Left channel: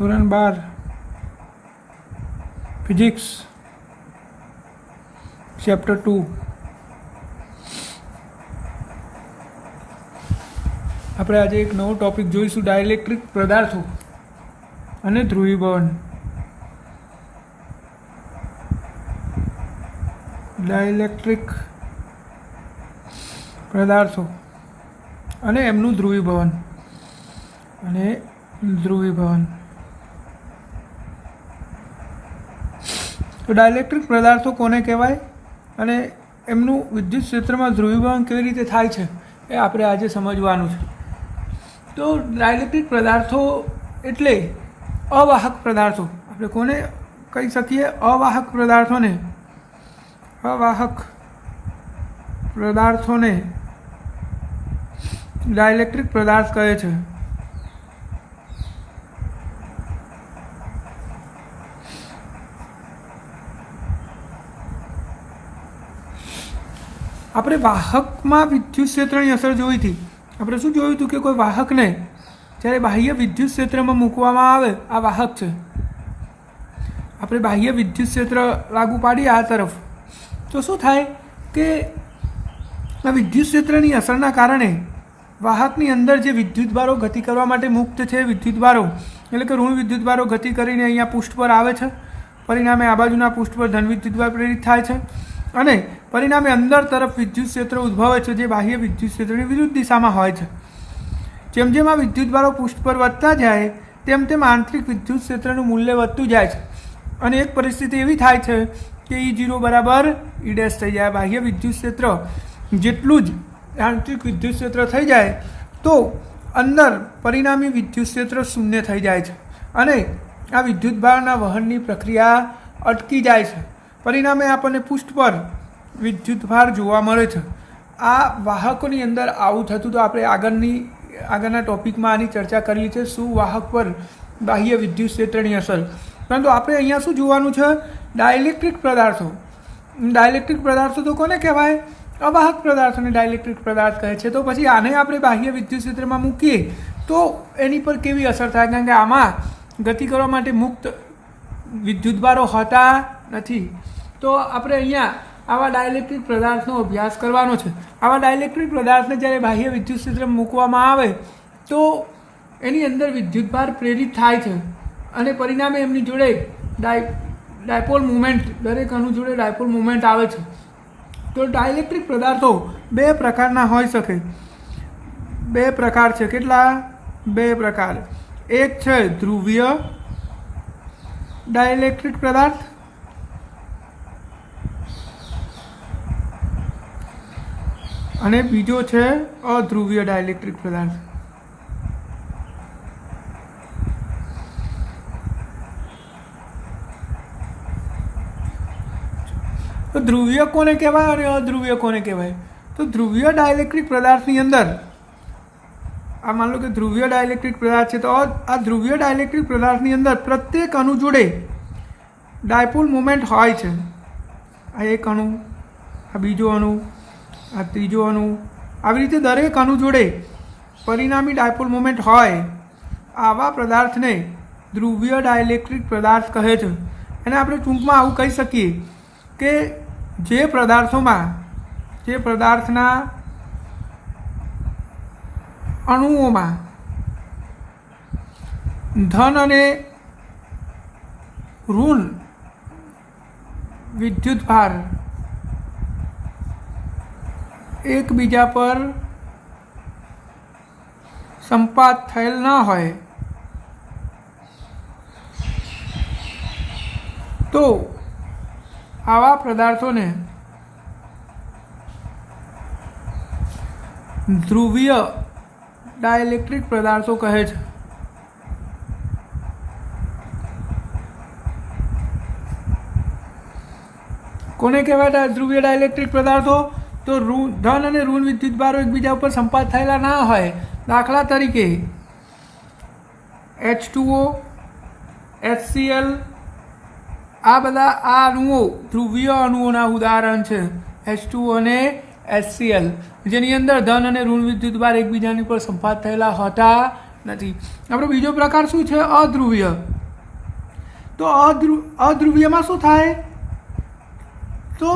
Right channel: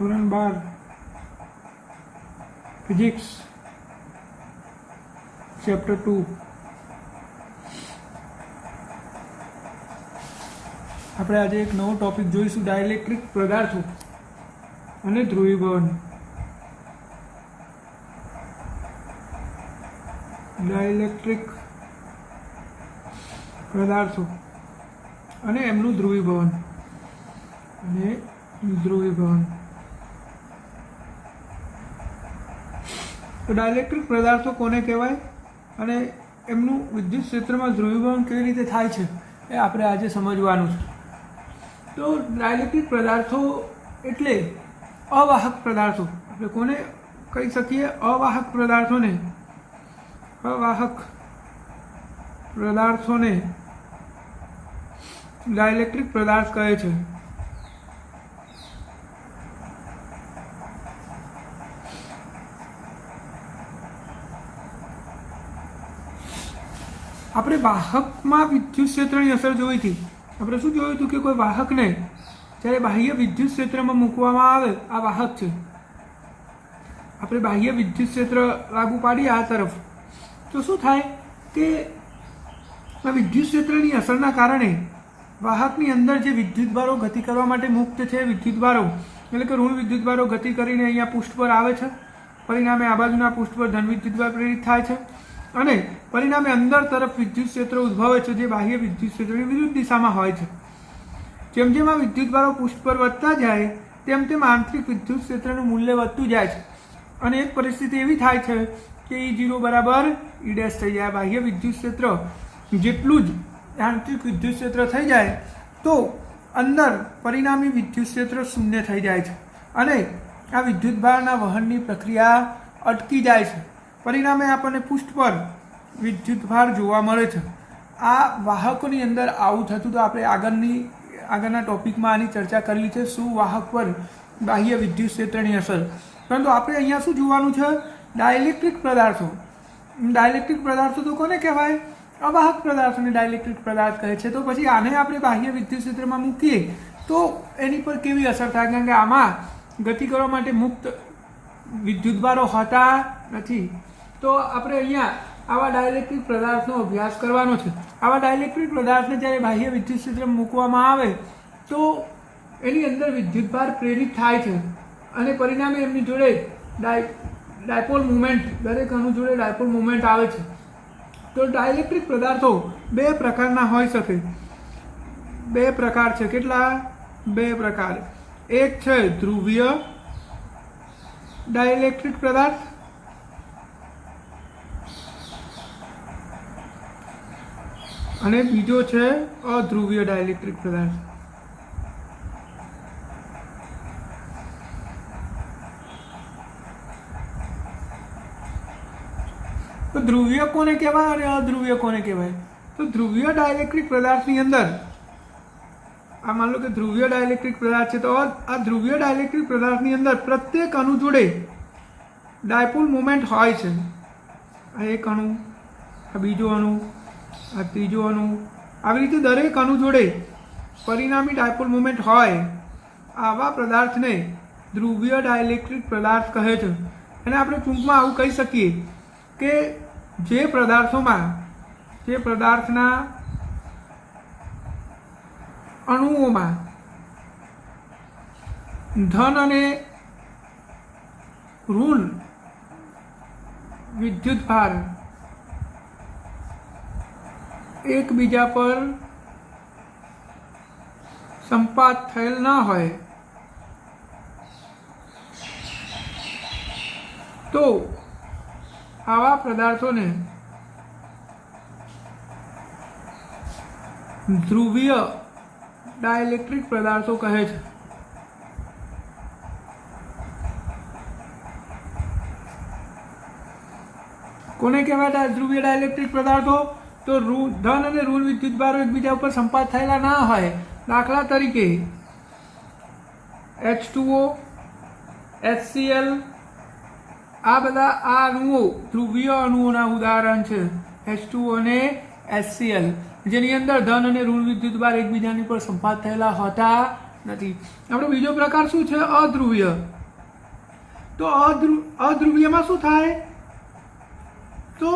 ધોરણ 12 physics chapter 2 આપણે આજે એક નવો ટોપિક જોઈશું, ડાયલેક્ટ્રિક પદાર્થો અને ધ્રુવીભવન. ડાયલેક્ટ્રિક પદાર્થો અને એમનું ધ્રુવીભવન તો ડાયલેક્ટ્રિક પદાર્થો કોને કહેવાય અને એમનું વિદ્યુત ક્ષેત્રમાં ધ્રુવીભવન કેવી રીતે થાય છે એ આપણે આજે સમજવાનું છે. તો ડાયલેક્ટ્રિક પદાર્થો એટલે અવાહક પદાર્થો. આપણે કોને કહી શકીએ? અવાહક પદાર્થોને ડાયલેક્ટ્રિક પદાર્થ કહે છે. આપણે વાહકમાં વિદ્યુત ક્ષેત્રની અસર જોઈ હતી. આપણે શું જોયું હતું કે કોઈ વાહકને જ્યારે બાહ્ય વિદ્યુત ક્ષેત્રમાં મૂકવામાં આવે, આ વાહક છે, આપણે બાહ્ય વિદ્યુત ક્ષેત્ર લાગુ પાડીએ આ તરફ, તો શું થાય કે આ વિદ્યુત ક્ષેત્રની અસરના કારણે વાહકની અંદર જે વિદ્યુતભારો ગતિ કરવા માટે મુક્ત છે, વિદ્યુતભારો એટલે કે ઋણ વિદ્યુતભારો ગતિ કરીને અહીંયા પૃષ્ઠ પર આવે છે. પરિણામે આ બાજુના પૃષ્ઠ પર ધન વિદ્યુતભાર પ્રેરિત થાય છે અને પરિણામે અંદર તરફ વિદ્યુત ક્ષેત્ર ઉદ્ભવે છે, જે બાહ્ય વિદ્યુત ક્ષેત્રની વિરુદ્ધ દિશામાં હોય છે. જેમ જેમ આ વિદ્યુતભારો પૃષ્ઠ પર વધતા જાય તેમ તેમ આંતરિક વિદ્યુત ક્ષેત્રનું મૂલ્ય વધતું જાય છે અને એક પરિસ્થિતિ એવી થાય છે કે E0 બરાબર E' થઈ જાય. બાહ્ય વિદ્યુત ક્ષેત્ર જેટલું જ આંતરિક વિદ્યુત ક્ષેત્ર થઈ જાય તો અંદર પરિણામી વિદ્યુત ક્ષેત્ર શૂન્ય થઈ જાય છે અને આ વિદ્યુતભારના વહનની પ્રક્રિયા અટકી જાય છે. પરિણામે આપણને પૃષ્ઠ પર વિદ્યુતભાર જોવા મળે છે. આ વાહકોની અંદર આવું થતું તો આપણે આગળના ટોપિકમાં આની ચર્ચા કરી છે, શું વાહક પર બાહ્ય વિદ્યુત ક્ષેત્રની અસર. પરંતુ આપણે અહીંયા શું જોવાનું છે? ડાયલેક્ટ્રિક પદાર્થો. ડાયલેક્ટ્રિક પદાર્થો તો કોને કહેવાય? અવાહક પદાર્થોને ડાયલેક્ટ્રિક પદાર્થ કહે છે. તો પછી આને આપણે બાહ્ય વિદ્યુત ક્ષેત્રમાં મૂકીએ તો એની પર કેવી અસર થાય? કારણ કે આમાં ગતિ કરવા માટે મુક્ત વિદ્યુતભારો હોતા નથી. તો આપણે અહીંયા આવા ડાયલેક્ટ્રિક પદાર્થનો અભ્યાસ કરવાનો છે. આવા ડાયલેક્ટ્રિક પદાર્થને જ્યારે બાહ્ય વિદ્યુત ક્ષેત્રમાં મૂકવામાં આવે તો એની અંદર વિદ્યુતભાર પ્રેરિત થાય છે અને પરિણામે એમની જોડે ડાયપોલ મુવમેન્ટ, દરેક અણુ જોડે ડાયપોલ મુવમેન્ટ આવે છે. તો ડાયલેક્ટ્રિક પદાર્થો બે પ્રકારના હોઈ શકે. બે પ્રકાર છે. કેટલા? બે પ્રકાર. એક છે ધ્રુવીય ડાયલેક્ટ્રિક પદાર્થ અને બીજો છે અધ્રુવીય ડાયલેક્ટ્રિક પદાર્થ. તો ધ્રુવીય કોને કહેવાય અને અધ્રુવીય કોને કહેવાય? તો ધ્રુવીય ડાયલેક્ટ્રિક પદાર્થની અંદર આ માન લો કે ધ્રુવીય ડાયલેક્ટ્રિક પદાર્થ છે, તો આ ધ્રુવીય ડાયલેક્ટ્રિક પદાર્થની અંદર પ્રત્યેક અણુ જોડે ડાયપોલ મુવમેન્ટ હોય છે. આ એક અણુ, આ બીજો અણુ, આ ત્રીજો અણુ, આવી રીતે દરેક અણુ જોડે પરિણામી ડાયપોલ મુવમેન્ટ હોય. આવા પદાર્થને ધ્રુવીય ડાયલેક્ટ્રિક પદાર્થ કહે છે. એને આપણે ટૂંકમાં આવું કહી શકીએ કે જે પદાર્થના અણુઓમાં ધન અને ઋણ વિદ્યુતભાર એકબીજા પર સંપાત થયેલ ન હોય તો આવા પદાર્થોને ધ્રુવીય ડાયલેક્ટ્રિક પદાર્થો કહે છે. કોને કહેવાય ધ્રુવીય ડાયલેક્ટ્રિક પદાર્થો? તો ધન અને ઋણ વિદ્યુતભારો એકબીજા ઉપર સંપાત થયેલા ના હોય. દાખલા તરીકે H2O, HCl, આ બધા આ અણુઓ ધ્રુવીય અણુઓના ઉદાહરણ છે. H2O અને HCl, જેની અંદર ધન અને ઋણ વિદ્યુતભાર એકબીજાની પર સંપાત થયેલા હોતા નથી. આપણો બીજો પ્રકાર શું છે? અધ્રુવીય. તો અધ્રુવીયમાં શું થાય? તો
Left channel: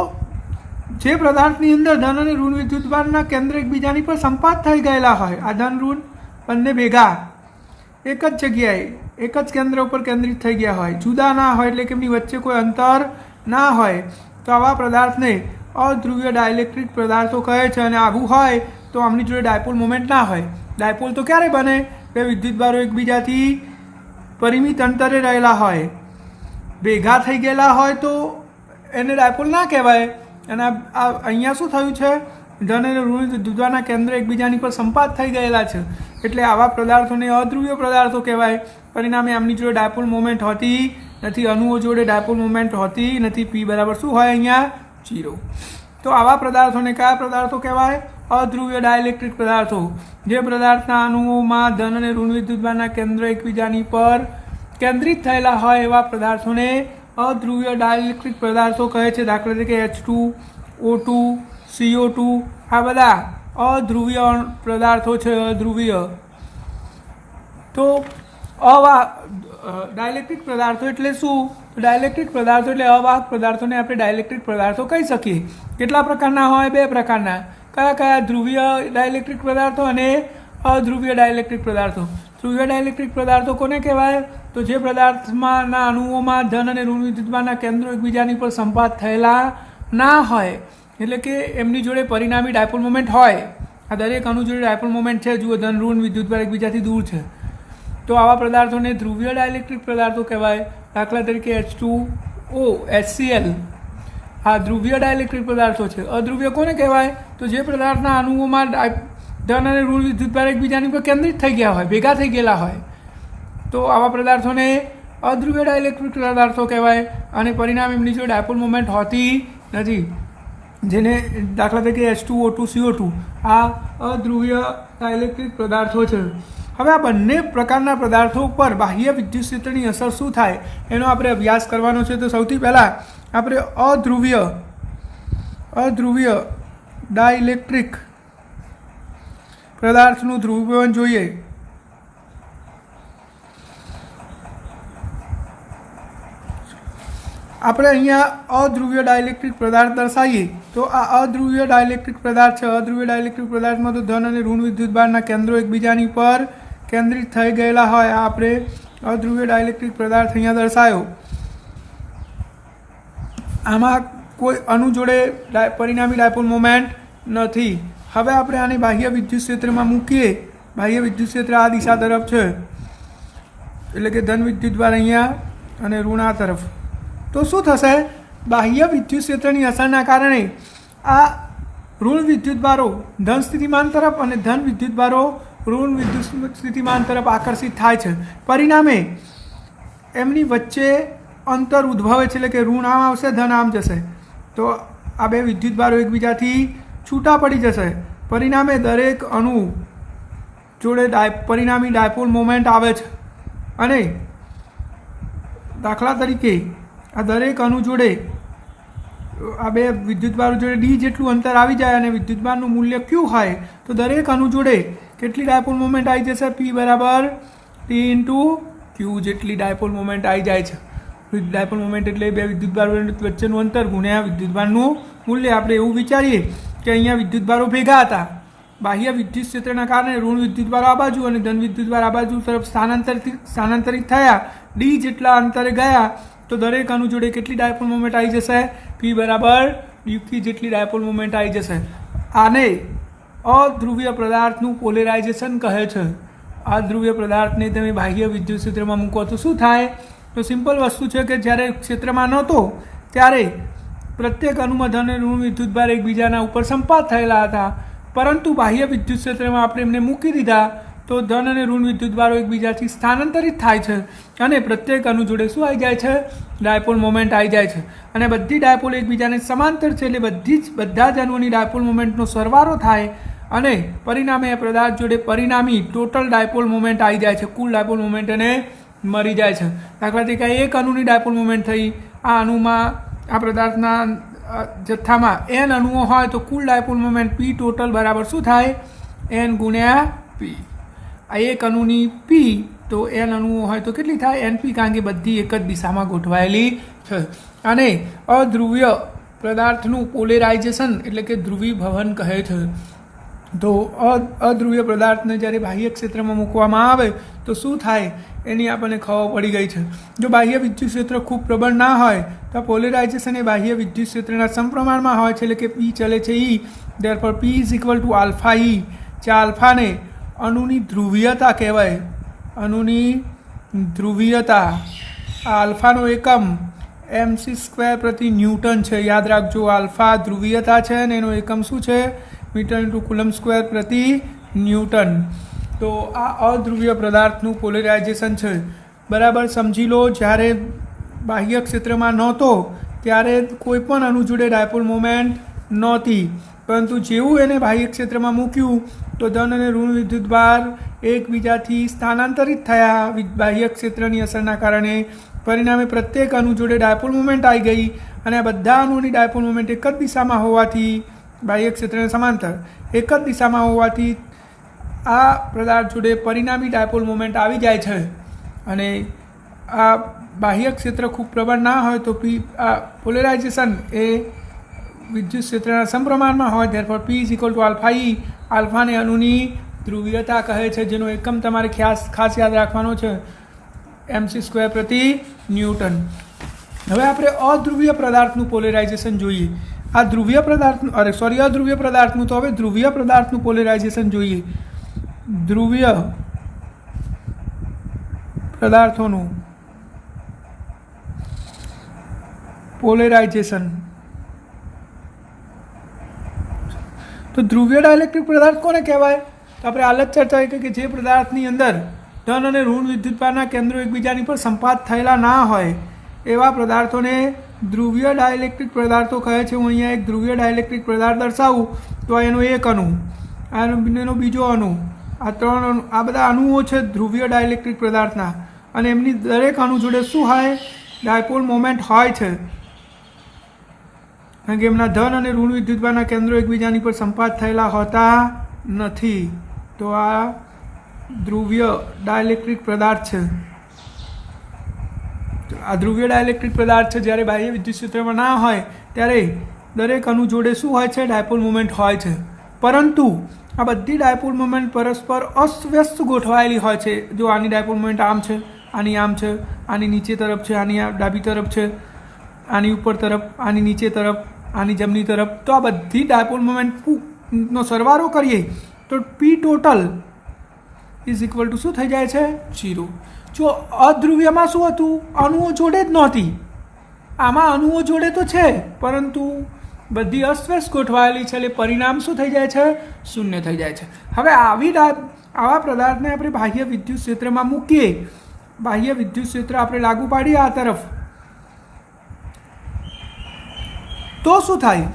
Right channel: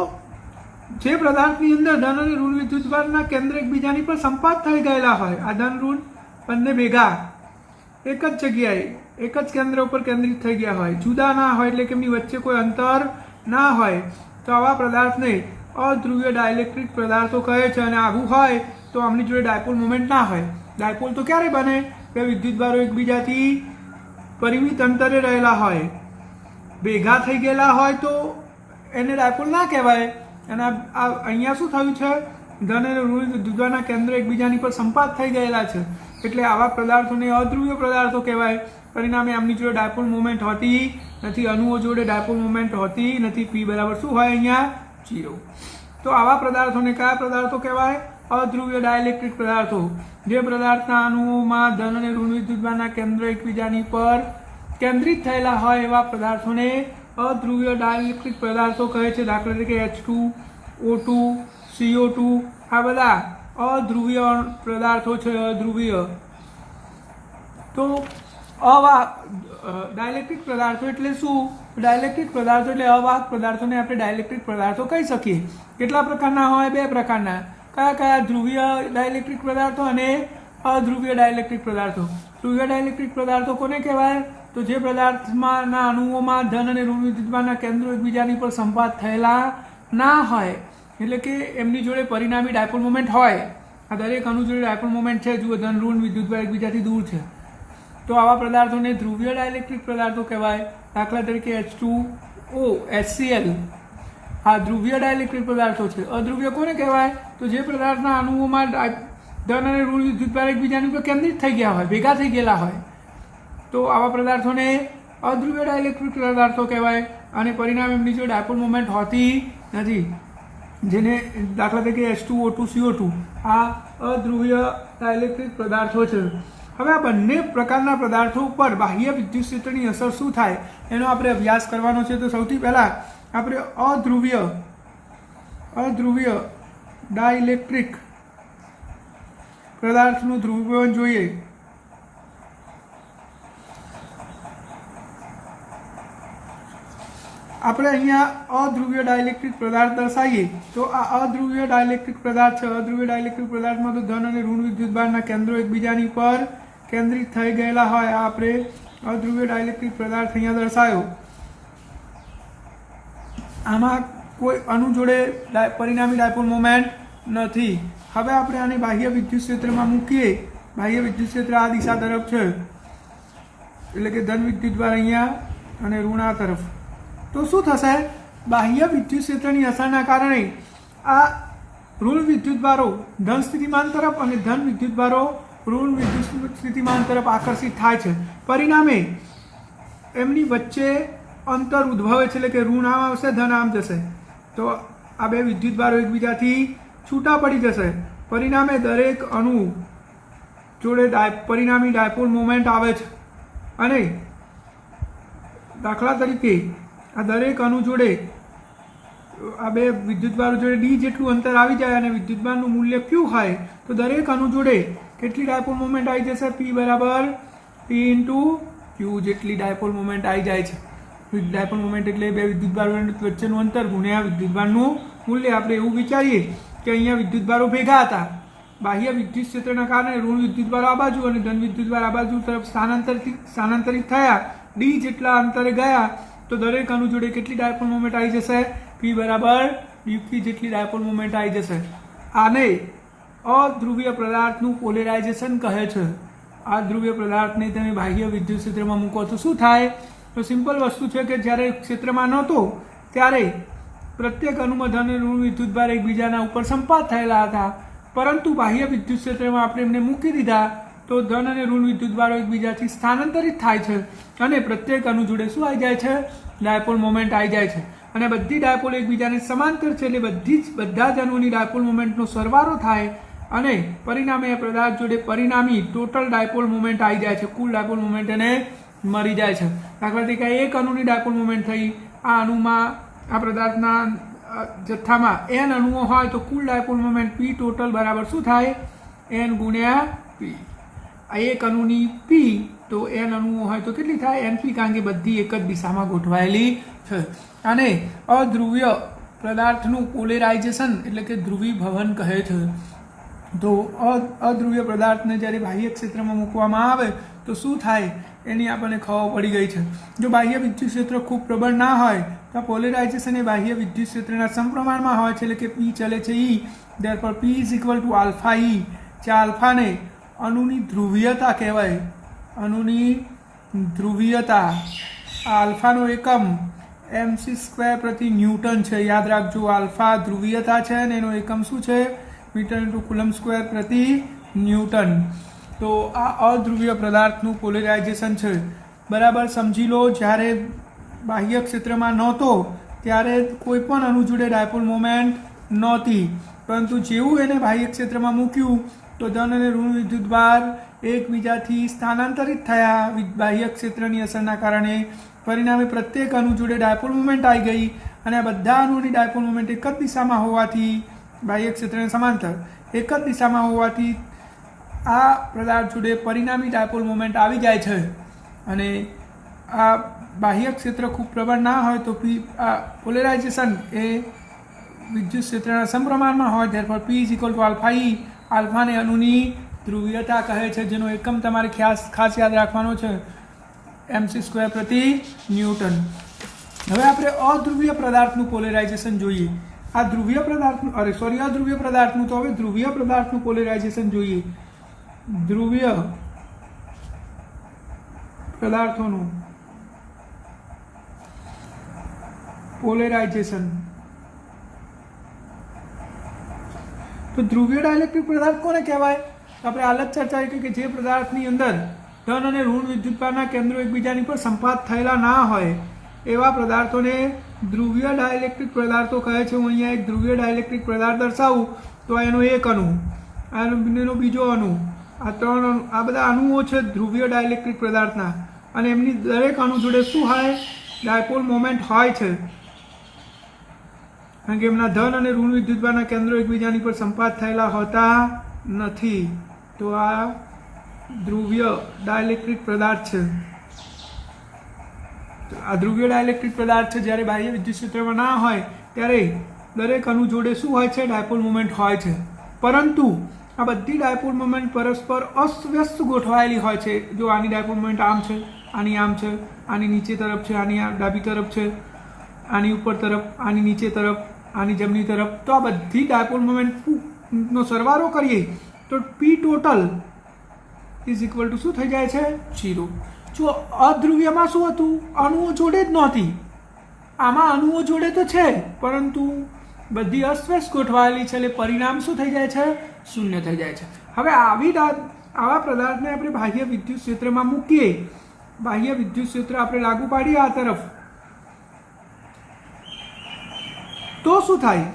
જે પદાર્થની અંદર ધન અને ઋણ વિદ્યુતભારના કેન્દ્ર એકબીજાની પર સંપાત થઈ ગયેલા હોય, આ ધન ઋણ બંને ભેગા એક જ જગ્યાએ એક જ કેન્દ્ર ઉપર કેન્દ્રિત થઈ ગયા હોય, જુદા ના હોય, એટલે કે એમની વચ્ચે કોઈ અંતર ના હોય, તો આવા પદાર્થને અધ્રુવીય ડાયલેક્ટ્રિક પદાર્થો કહે છે. અને આવું હોય તો આમની જોડે ડાયપોલ મોમેન્ટ ના હોય. ડાયપોલ તો ક્યારે બને? બે વિદ્યુતભારો એકબીજાથી પરિમિત અંતરે રહેલા હોય, ભેગા થઈ ગયેલા હોય તો એને ડાયપોલ ના કહેવાય. અને આ અહીંયા શું થયું છે? ધન અને ઋણ વિદ્યુતભારના કેન્દ્ર એકબીજાની પર સંપાત થઈ ગયેલા છે, એટલે આવા પદાર્થોને અધ્રુવીય પદાર્થો કહેવાય. પરિણામે એમની જોડે ડાયપોલ મોમેન્ટ હોતી નથી, અણુઓ જોડે ડાયપોલ મોમેન્ટ હોતી નથી. પી બરાબર શું હોય? અહીંયા 0. તો આવા પદાર્થોને કયા પદાર્થો કહેવાય? અધ્રુવીય ડાયલેક્ટ્રિક પદાર્થો. જે પદાર્થના અણુઓમાં ધન અને ઋણ વિદ્યુતભારના કેન્દ્ર એકબીજાની પર કેન્દ્રિત થયેલા હોય એવા પદાર્થોને અધ્રુવીય ડાયલેક્ટ્રિક પદાર્થો કહે છે. દાખલા તરીકે H2O2 CO2 આ બધા અધ્રુવીય પદાર્થો છે. અધ્રુવીય. તો ડાયલેક્ટ્રિક પદાર્થો એટલે શું? ડાયલેક્ટ્રિક પદાર્થો એટલે અવાહક પદાર્થોને આપણે ડાયલેક્ટ્રિક પદાર્થો કહી શકીએ. કેટલા પ્રકારના હોય? 2 પ્રકારના. કયા કયા? ધ્રુવીય ડાયલેક્ટ્રિક પદાર્થો અને અધ્રુવીય ડાયલેક્ટ્રિક પદાર્થો. ધ્રુવીય ડાયલેક્ટ્રિક પદાર્થો કોને કહેવાય? તો જે પદાર્થમાંના અણુઓમાં ધન અને ઋણ વિદ્યુતભારના કેન્દ્રો એકબીજાની પર સંપાત થયેલા ના હોય, એટલે કે એમની જોડે પરિણામી ડાયપોલ મોમેન્ટ હોય. આ દરેક અણુ જોડે ડાયપોલ મોમેન્ટ છે. જુઓ, ધન ઋણ વિદ્યુતભાર એકબીજાથી દૂર છે, તો આવા પદાર્થોને ધ્રુવીય ડાયલેક્ટ્રિક પદાર્થો કહેવાય. દાખલા તરીકે H2O HCl આ ધ્રુવીય ડાયલેક્ટ્રિક પદાર્થો છે. અધ્રુવીય કોને કહેવાય? તો જે પદાર્થના અણુઓમાં ધન અને ઋણ વિદ્યુતભાર એકબીજાની પર કેન્દ્રિત થઈ ગયા હોય, ભેગા થઈ ગયેલા હોય, તો આવા પદાર્થોને અધ્રુવીય ડાયલેક્ટ્રિક પદાર્થો કહેવાય. અને પરિણામે એમની જો ડાયપોલ મોમેન્ટ હોતી નથી, જેને દાખલા તરીકે H2O2 CO2 આ અધ્રુવીય ડાયલેક્ટ્રિક પદાર્થો છે. હવે આ બંને પ્રકારના પદાર્થો ઉપર બાહ્ય વિદ્યુત ક્ષેત્રની અસર શું થાય એનો આપણે અભ્યાસ કરવાનો છે. તો સૌથી પહેલાં આપણે અધ્રુવીય ડાયલેક્ટ્રિક પદાર્થનું ધ્રુવીકરણ જોઈએ. આપણે અહીંયા અધ્રુવીય ડાયલેક્ટ્રિક પદાર્થ દર્શાવીએ તો આ અધ્રુવીય ડાયલેક્ટ્રિક પદાર્થ છે. અધ્રુવીય ડાયલેક્ટ્રિક પદાર્થમાં તો ધન અને ઋણ વિદ્યુતભારના કેન્દ્રો એકબીજાની પર કેન્દ્રિત થઈ ગયેલા હોય. આપણે અધ્રુવીય ડાયલેક્ટ્રિક પદાર્થ અહીંયા દર્શાવ્યો. આમાં કોઈ અણુ જોડે પરિણામી ડાયપોલ મોમેન્ટ નથી. હવે આપણે આને બાહ્ય વિદ્યુત ક્ષેત્રમાં મૂકીએ. બાહ્ય વિદ્યુત ક્ષેત્ર આ દિશા તરફ છે, એટલે કે ધન વિદ્યુતભાર અહીંયા અને ઋણ આ તરફ. તો શું થશે? બાહ્ય વિદ્યુત ક્ષેત્રની અસરના કારણે આ ઋણ વિદ્યુતભારો ધન સ્થિતિમાન તરફ અને ધન વિદ્યુતભારો ઋણ વિદ્યુત સ્થિતિમાન તરફ આકર્ષિત થાય છે. પરિણામે એમની વચ્ચે અંતર ઉદ્ભવે છે, એટલે કે ઋણ આમ આવશે, ધન આમ જશે, તો આ બે વિદ્યુતભારો એકબીજાથી છૂટા પડી જશે. પરિણામે દરેક અણુ જોડે પરિણામી ડાયપોલ મોમેન્ટ આવે છે. અને દાખલા તરીકે આ દરેક અણુ જોડે આ બે વિદ્યુતભારો જોડે ડી જેટલું અંતર આવી જાય અને વિદ્યુતભારનું મૂલ્ય ક્યુ હોય, તો દરેક અણુ જોડે કેટલી ડાયપોલ મોમેન્ટ આવી જશે? પી બરાબર ટી ઇન્ટુ ક્યુ જેટલી ડાયપોલ મોમેન્ટ આવી જાય છે. ડાયપોલ મોમેન્ટ એટલે બે વિદ્યુતભાર વચ્ચેનું અંતર ગુણ્યા વિદ્યુતભારનું મૂલ્ય. આપણે એવું વિચારીએ કે અહીંયા વિદ્યુતભારો ભેગા હતા, બાહ્ય વિદ્યુત ક્ષેત્રના કારણે ઋણ વિદ્યુતભાર આ બાજુ અને ધન વિદ્યુતભાર આ બાજુ તરફ સ્થાનાંતરિત થયા, ડી જેટલા અંતરે ગયા, તો દરેક અણુ જોડે કેટલી ડાયપોલ મોમેન્ટ આવી જશે? પી બરાબર યુપી જેટલી ડાયપોલ મોમેન્ટ આવી જશે. આને અધ્રુવીય પદાર્થનું પોલેરાઇઝેશન કહે છે. આ ધ્રુવીય પદાર્થને તમે બાહ્ય વિદ્યુત ક્ષેત્રમાં મૂકો તો શું થાય? તો સિમ્પલ વસ્તુ છે કે જ્યારે ક્ષેત્રમાં નહોતો ત્યારે પ્રત્યેક અણુમાં ધન અને ઋણ વિદ્યુતભાર એકબીજાના ઉપર સંપાત થયેલા હતા, પરંતુ બાહ્ય વિદ્યુત ક્ષેત્રમાં આપણે એમને મૂકી દીધા તો ધન અને ઋણ વિદ્યુતભારો એકબીજાથી સ્થાનાંતરિત થાય છે અને પ્રત્યેક અણુ જોડે શું આવી જાય છે? ડાયપોલ મોમેન્ટ આવી જાય છે. અને બધી ડાયપોલ એકબીજાને સમાંતર છે, એટલે બધા જ અણુઓની ડાયપોલ મોમેન્ટનો સરવાળો થાય અને પરિણામે એ પદાર્થ જોડે પરિણામી ટોટલ ડાયપોલ મોમેન્ટ આવી જાય છે. કુલ ડાયપોલ મોમેન્ટ એને મળી જાય છે. દાખલા તરીકે એક અણુની ડાયપોલ મોમેન્ટ થઈ, આ અણુમાં આ પદાર્થના જથ્થામાં n અણુઓ હોય તો કુલ ડાયપોલ મોમેન્ટ પી ટોટલ બરાબર શું થાય? n ગુણ્યા પી. એક અણુની પી તો એન અણુઓ હોય તો કેટલી થાય NP, કારણ કે બધી એક જ દિશામાં ગોઠવાયેલી છે. અને અધ્રુવીય પદાર્થનું પોલેરાઇઝેશન એટલે કે ધ્રુવીભવન કહે છે. તો અધ્રુવીય પદાર્થને જ્યારે બાહ્ય ક્ષેત્રમાં મૂકવામાં આવે તો શું થાય એની આપણને ખબર પડી ગઈ છે. જો બાહ્ય વિદ્યુત ક્ષેત્ર ખૂબ પ્રબળ ના હોય તો પોલેરાઇઝેશન એ બાહ્ય વિદ્યુત ક્ષેત્રના સમપ્રમાણમાં હોય છે, એટલે કે પી ચલે છે E. Therefore P is equal to alpha E. જે આલ્ફાને અણુની ધ્રુવીયતા કહેવાય. અણુની ધ્રુવીયતા, આ આલ્ફાનો એકમ mc² પ્રતિ ન્યૂટન છે. યાદ રાખજો, આલ્ફા ધ્રુવીયતા છે અને એનો એકમ શું છે? મીટર ઇન્ટુ કુલમ સ્ક્વેર પ્રતિ ન્યૂટન. તો આ અધ્રુવીય પદાર્થનું પોલેરાઇઝેશન છે. બરાબર સમજી લો. જ્યારે બાહ્ય ક્ષેત્રમાં નહોતો ત્યારે કોઈ પણ અણુ જોડે ડાયપોલ મોમેન્ટ નહોતી, પરંતુ જેવું એને બાહ્ય ક્ષેત્રમાં મૂક્યું તો ધન અને ઋણ વિદ્યુતભાર એકબીજાથી સ્થાનાંતરિત થયા બાહ્ય ક્ષેત્રની અસરના કારણે. પરિણામે પ્રત્યેક અણુ જોડે ડાયપોલ મોમેન્ટ આવી ગઈ અને આ બધા અણુની ડાયપોલ મોમેન્ટ એક જ દિશામાં હોવાથી, બાહ્ય ક્ષેત્રને સમાંતર એક જ દિશામાં હોવાથી આ પદાર્થ જોડે પરિણામી ડાયપોલ મોમેન્ટ આવી જાય છે. અને આ બાહ્ય ક્ષેત્ર ખૂબ પ્રબળ ના હોય તો આ પોલેરાઇઝેશન એ વિદ્યુત ક્ષેત્રના સમપ્રમાણમાં હોય. Therefore P is equal to alpha E. આલ્ફાને અણુની ધ્રુવીયતા કહે છે, જેનો એકમ તમારે ખાસ યાદ રાખવાનો છે, mc² પ્રતિ ન્યૂટન. હવે આપણે અધ્રુવીય પદાર્થનું પોલેરાઇઝેશન જોઈએ. આ ધ્રુવીય પદાર્થનું અધ્રુવીય પદાર્થનું તો હવે ધ્રુવીય પદાર્થનું પોલેરાઇઝેશન જોઈએ. ધ્રુવીય પદાર્થોનું પોલેરાઇઝેશન. તો ધ્રુવીય ડાયલેક્ટ્રિક પદાર્થ કોને કહેવાય? તો આપણે હાલ જ ચર્ચા કરી કે જે પદાર્થની અંદર ધન અને ઋણ વિદ્યુતભારના કેન્દ્રો એકબીજાની પર સંપાત થયેલા ના હોય એવા પદાર્થોને ધ્રુવીય ડાયલેક્ટ્રિક પદાર્થો કહે છે. હું અહીંયા એક ધ્રુવીય ડાયલેક્ટ્રિક પદાર્થ દર્શાવું તો એનો એક અણુ, એનો બીજો અણુ, આ ત્રણ અણુ, આ બધા અણુઓ છે ધ્રુવીય ડાયલેક્ટ્રિક પદાર્થના. અને એમની દરેક અણુ જોડે શું હોય? ડાયપોલ મોમેન્ટ હોય છે, કારણ કે એમના ધન અને ઋણ વિદ્યુતભારના કેન્દ્રો એકબીજાની પર સંપાત થયેલા હોતા નથી. તો આ ધ્રુવીય ડાયલેક્ટ્રિક પદાર્થ છે. આ ધ્રુવીય ડાયલેક્ટ્રિક પદાર્થ છે. જ્યારે બાહ્ય વિદ્યુત ક્ષેત્રમાં ના હોય ત્યારે દરેક અણુ જોડે શું હોય છે? ડાયપોલ મોમેન્ટ હોય છે. પરંતુ આ બધી ડાયપોલ મોમેન્ટ પરસ્પર અસ્વ્યસ્ત ગોઠવાયેલી હોય છે. જો આની ડાયપોલ મોમેન્ટ આમ છે, આની આમ છે, આની નીચે તરફ છે, આની ડાબી તરફ છે, આની ઉપર તરફ, આની નીચે તરફ, આની જમણી તરફ. તો આ બધી ડાયપોલ મોમેન્ટનો સરવાળો કરીએ તો પી ટોટલ ઇઝ ઇક્વલ ટુ શું થઈ જાય છે? 0. જો અધ્રુવીયમાં શું હતું? અણુઓ જોડે જ નહોતી. આમાં અણુઓ જોડે તો છે પરંતુ બધી અસ્વસ્થ ગોઠવાયેલી છે, એટલે પરિણામ શું થઈ જાય છે? શૂન્ય થઈ જાય છે. હવે આવા પદાર્થને આપણે બાહ્ય વિદ્યુત ક્ષેત્રમાં મૂકીએ, બાહ્ય વિદ્યુત ક્ષેત્ર આપણે લાગુ પાડીએ આ તરફ, તો શું થાય?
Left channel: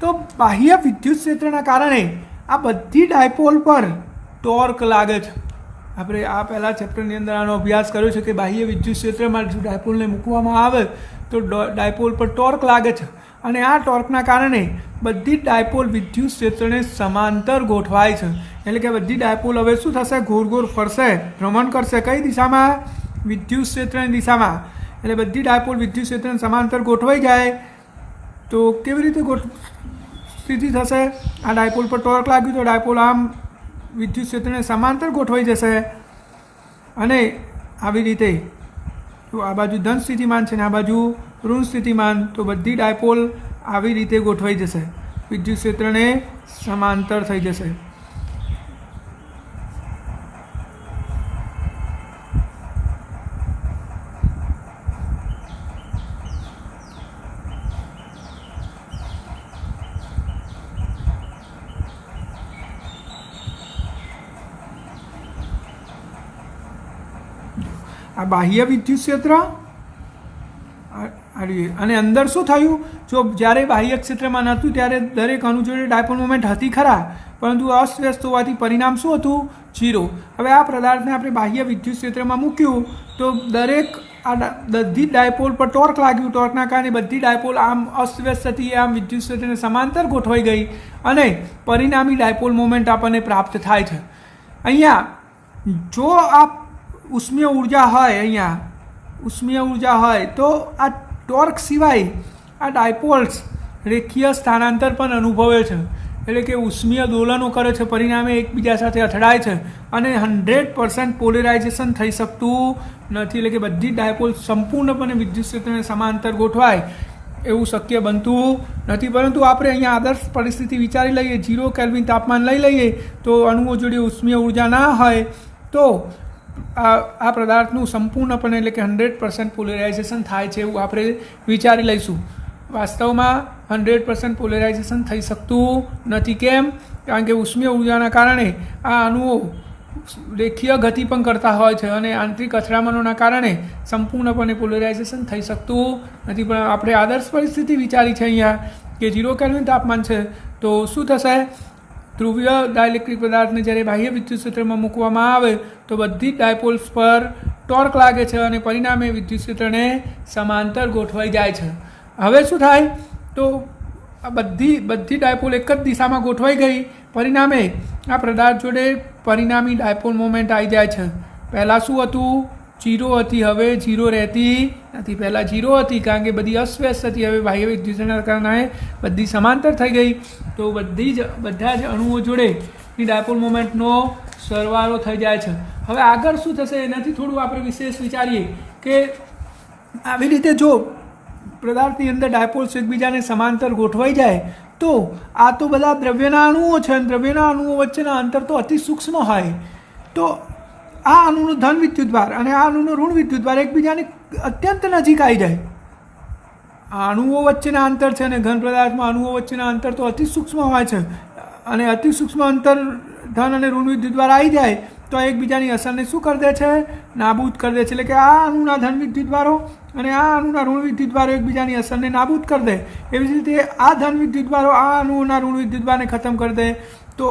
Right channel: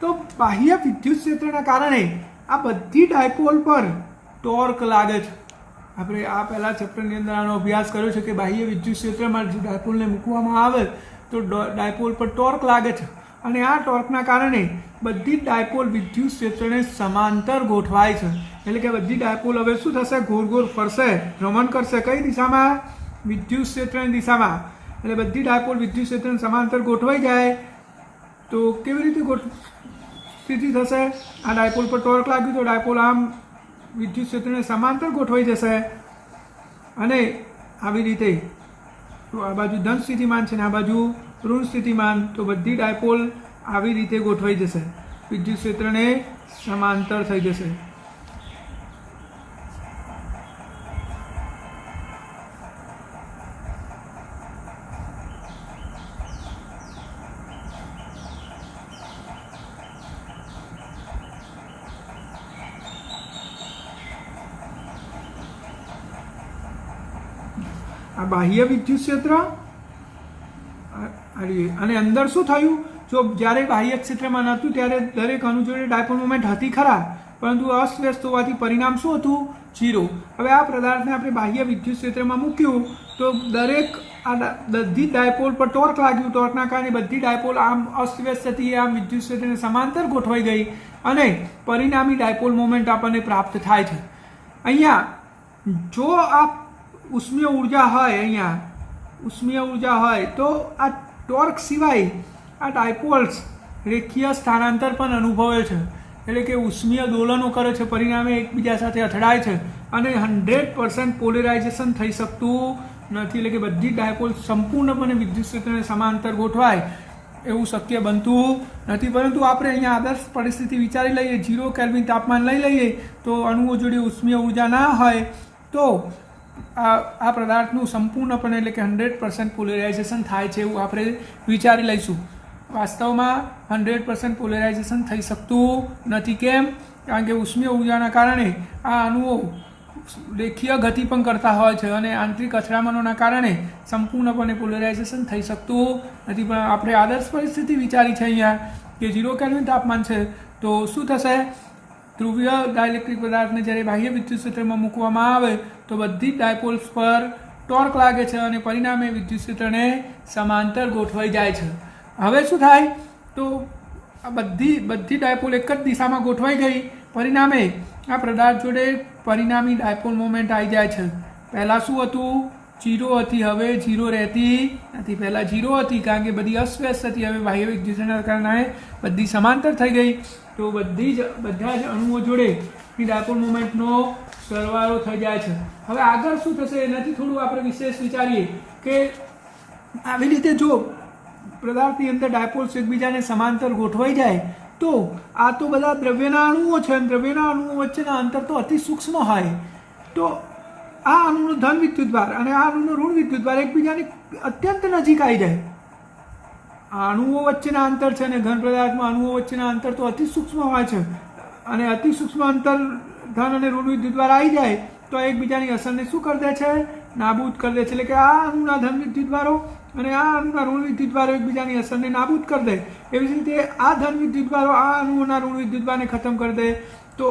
તો બાહ્ય વિદ્યુત ક્ષેત્રના કારણે આ બધી ડાયપોલ પર ટોર્ક લાગે છે. આપણે આ પહેલાં ચેપ્ટરની અંદર આનો અભ્યાસ કર્યો છે કે બાહ્ય વિદ્યુત ક્ષેત્રમાં જો ડાયપોલને મૂકવામાં આવે તો ડાયપોલ પર ટોર્ક લાગે છે અને આ ટોર્કના કારણે બધી ડાયપોલ વિદ્યુત ક્ષેત્રને સમાંતર ગોઠવાય છે. એટલે કે બધી ડાયપોલ હવે શું થશે? ગોળ ગોળ ફરશે, ભ્રમણ કરશે. કઈ દિશામાં? વિદ્યુત ક્ષેત્રની દિશામાં. એટલે બધી ડાયપોલ વિદ્યુત ક્ષેત્રને સમાંતર ગોઠવાઈ જાય તો કેવી રીતે સ્થિતિ થશે? આ ડાયપોલ પર ટોર્ક લાગ્યું તો ડાયપોલ આમ વિદ્યુત ક્ષેત્રને સમાંતર ગોઠવાઈ જશે અને આવી રીતે આ બાજુ ધન સ્થિતિમાન છે ને આ બાજુ ઋણ સ્થિતિમાન, તો બધી ડાયપોલ આવી રીતે ગોઠવાઈ જશે, વિદ્યુત ક્ષેત્રને સમાંતર થઈ જશે. આ બાહ્ય વિદ્યુત ક્ષેત્ર અને અંદર શું થયું? જો જ્યારે બાહ્ય ક્ષેત્રમાં નહોતું ત્યારે દરેક અણુ જોડે ડાયપોલ મોમેન્ટ હતી ખરા, પરંતુ અસ્વ્યસ્ત હોવાથી પરિણામ શું હતું? 0. હવે આ પદાર્થને આપણે બાહ્ય વિદ્યુત ક્ષેત્રમાં મૂક્યું તો દરેક આ બધી ડાયપોલ પર ટોર્ક લાગ્યું. ટોર્કના કારણે બધી ડાયપોલ આમ અસ્વ્યસ્ત હતી, આમ વિદ્યુત ક્ષેત્રને સમાંતર ગોઠવાઈ ગઈ અને પરિણામી ડાયપોલ મોમેન્ટ આપણને પ્રાપ્ત થાય છે. અહીંયા જો આ ઉષ્મીય ઉર્જા હોય, અહીંયા ઉષ્મીય ઉર્જા હોય તો આ ટોર્ક સિવાય આ ડાયપોલ્સ રેખીય સ્થાનાંતર પણ અનુભવે છે, એટલે કે ઉષ્મીય દોલનો કરે છે, પરિણામે એકબીજા સાથે અથડાય છે અને 100% પોલેરાઇઝેશન થઈ શકતું નથી. એટલે કે બધી ડાયપોલ સંપૂર્ણપણે વિદ્યુત ક્ષેત્રને સમાંતર ગોઠવાય એવું શક્ય બનતું નથી. પરંતુ આપણે અહીંયા આદર્શ પરિસ્થિતિ વિચારી લઈએ, 0 કેલ્વિન તાપમાન લઈ લઈએ તો અણુઓ જોડે ઉષ્મીય ઉર્જા ના હોય તો આ પદાર્થનું સંપૂર્ણપણે એટલે કે 100% પોલેરાઇઝેશન થાય છે એવું આપણે વિચારી લઈશું. વાસ્તવમાં 100% પોલેરાઇઝેશન થઈ શકતું નથી. કેમ? કારણ કે ઉષ્મીય ઉર્જાના કારણે આ અણુઓ રેખીય ગતિ પણ કરતા હોય છે અને આંતરિક અથડામણોના કારણે સંપૂર્ણપણે પોલેરાઇઝેશન થઈ શકતું નથી. પણ આપણે આદર્શ પરિસ્થિતિ વિચારી છે અહીંયા કે 0 કેલ્વિન તાપમાન છે તો શું થશે? ધ્રુવીય ડાયલેક્ટ્રિક પદાર્થને જ્યારે બાહ્ય વિદ્યુત ક્ષેત્રમાં મૂકવામાં આવે તો બધી જ ડાયપોલ્સ પર ટોર્ક લાગે છે અને પરિણામે વિદ્યુત ક્ષેત્રને સમાંતર ગોઠવાઈ જાય છે. હવે શું થાય? તો આ બધી ડાયપોલ એક જ દિશામાં ગોઠવાઈ ગઈ, પરિણામે આ પદાર્થ જોડે પરિણામી ડાયપોલ મોમેન્ટ આવી જાય છે. પહેલાં શું હતું? 0 હતી, હવે 0 રહેતી નથી. પહેલાં 0 હતી કારણ કે બધી અસ્વ્યસ્ત હતી, હવે બાહ્ય વિદ્યુતના કારણે બધી સમાંતર થઈ ગઈ તો બધા જ અણુઓ જોડેની ડાયપોલ મોમેન્ટનો સરવાળો થઈ જાય છે. હવે આગળ શું થશે એનાથી થોડું આપણે વિશેષ વિચારીએ કે આવી રીતે જો પદાર્થની અંદર ડાયપોલ્સ એકબીજાને સમાંતર ગોઠવાઈ જાય તો આ તો બધા દ્રવ્યના અણુઓ છે અને દ્રવ્યના અણુઓ વચ્ચેના અંતર તો અતિ સૂક્ષ્મ હોય, તો આ અણુનો ધન વિદ્યુતભાર અને આ અણુનો ઋણ વિદ્યુતભાર એકબીજાની અત્યંત નજીક આવી જાય. આ અણુઓ વચ્ચેના અંતર છે અને ઘન પદાર્થમાં અણુઓ વચ્ચેના અંતર તો અતિ સૂક્ષ્મ હોય છે અને અતિ સૂક્ષ્મ અંતર ધન અને ઋણ વિદ્યુતભાર આવી જાય તો એકબીજાની અસરને શું કરી દે છે? નાબૂદ કરી દે છે. એટલે કે આ અણુના ધન વિદ્યુતભારો અને આ અણુના ઋણ વિદ્યુતભારો એકબીજાની અસરને નાબૂદ કરી દે. એવી જ રીતે આ ધન વિદ્યુતભારો આ અણુઓના ઋણ વિદ્યુતભારને ખતમ કરી દે તો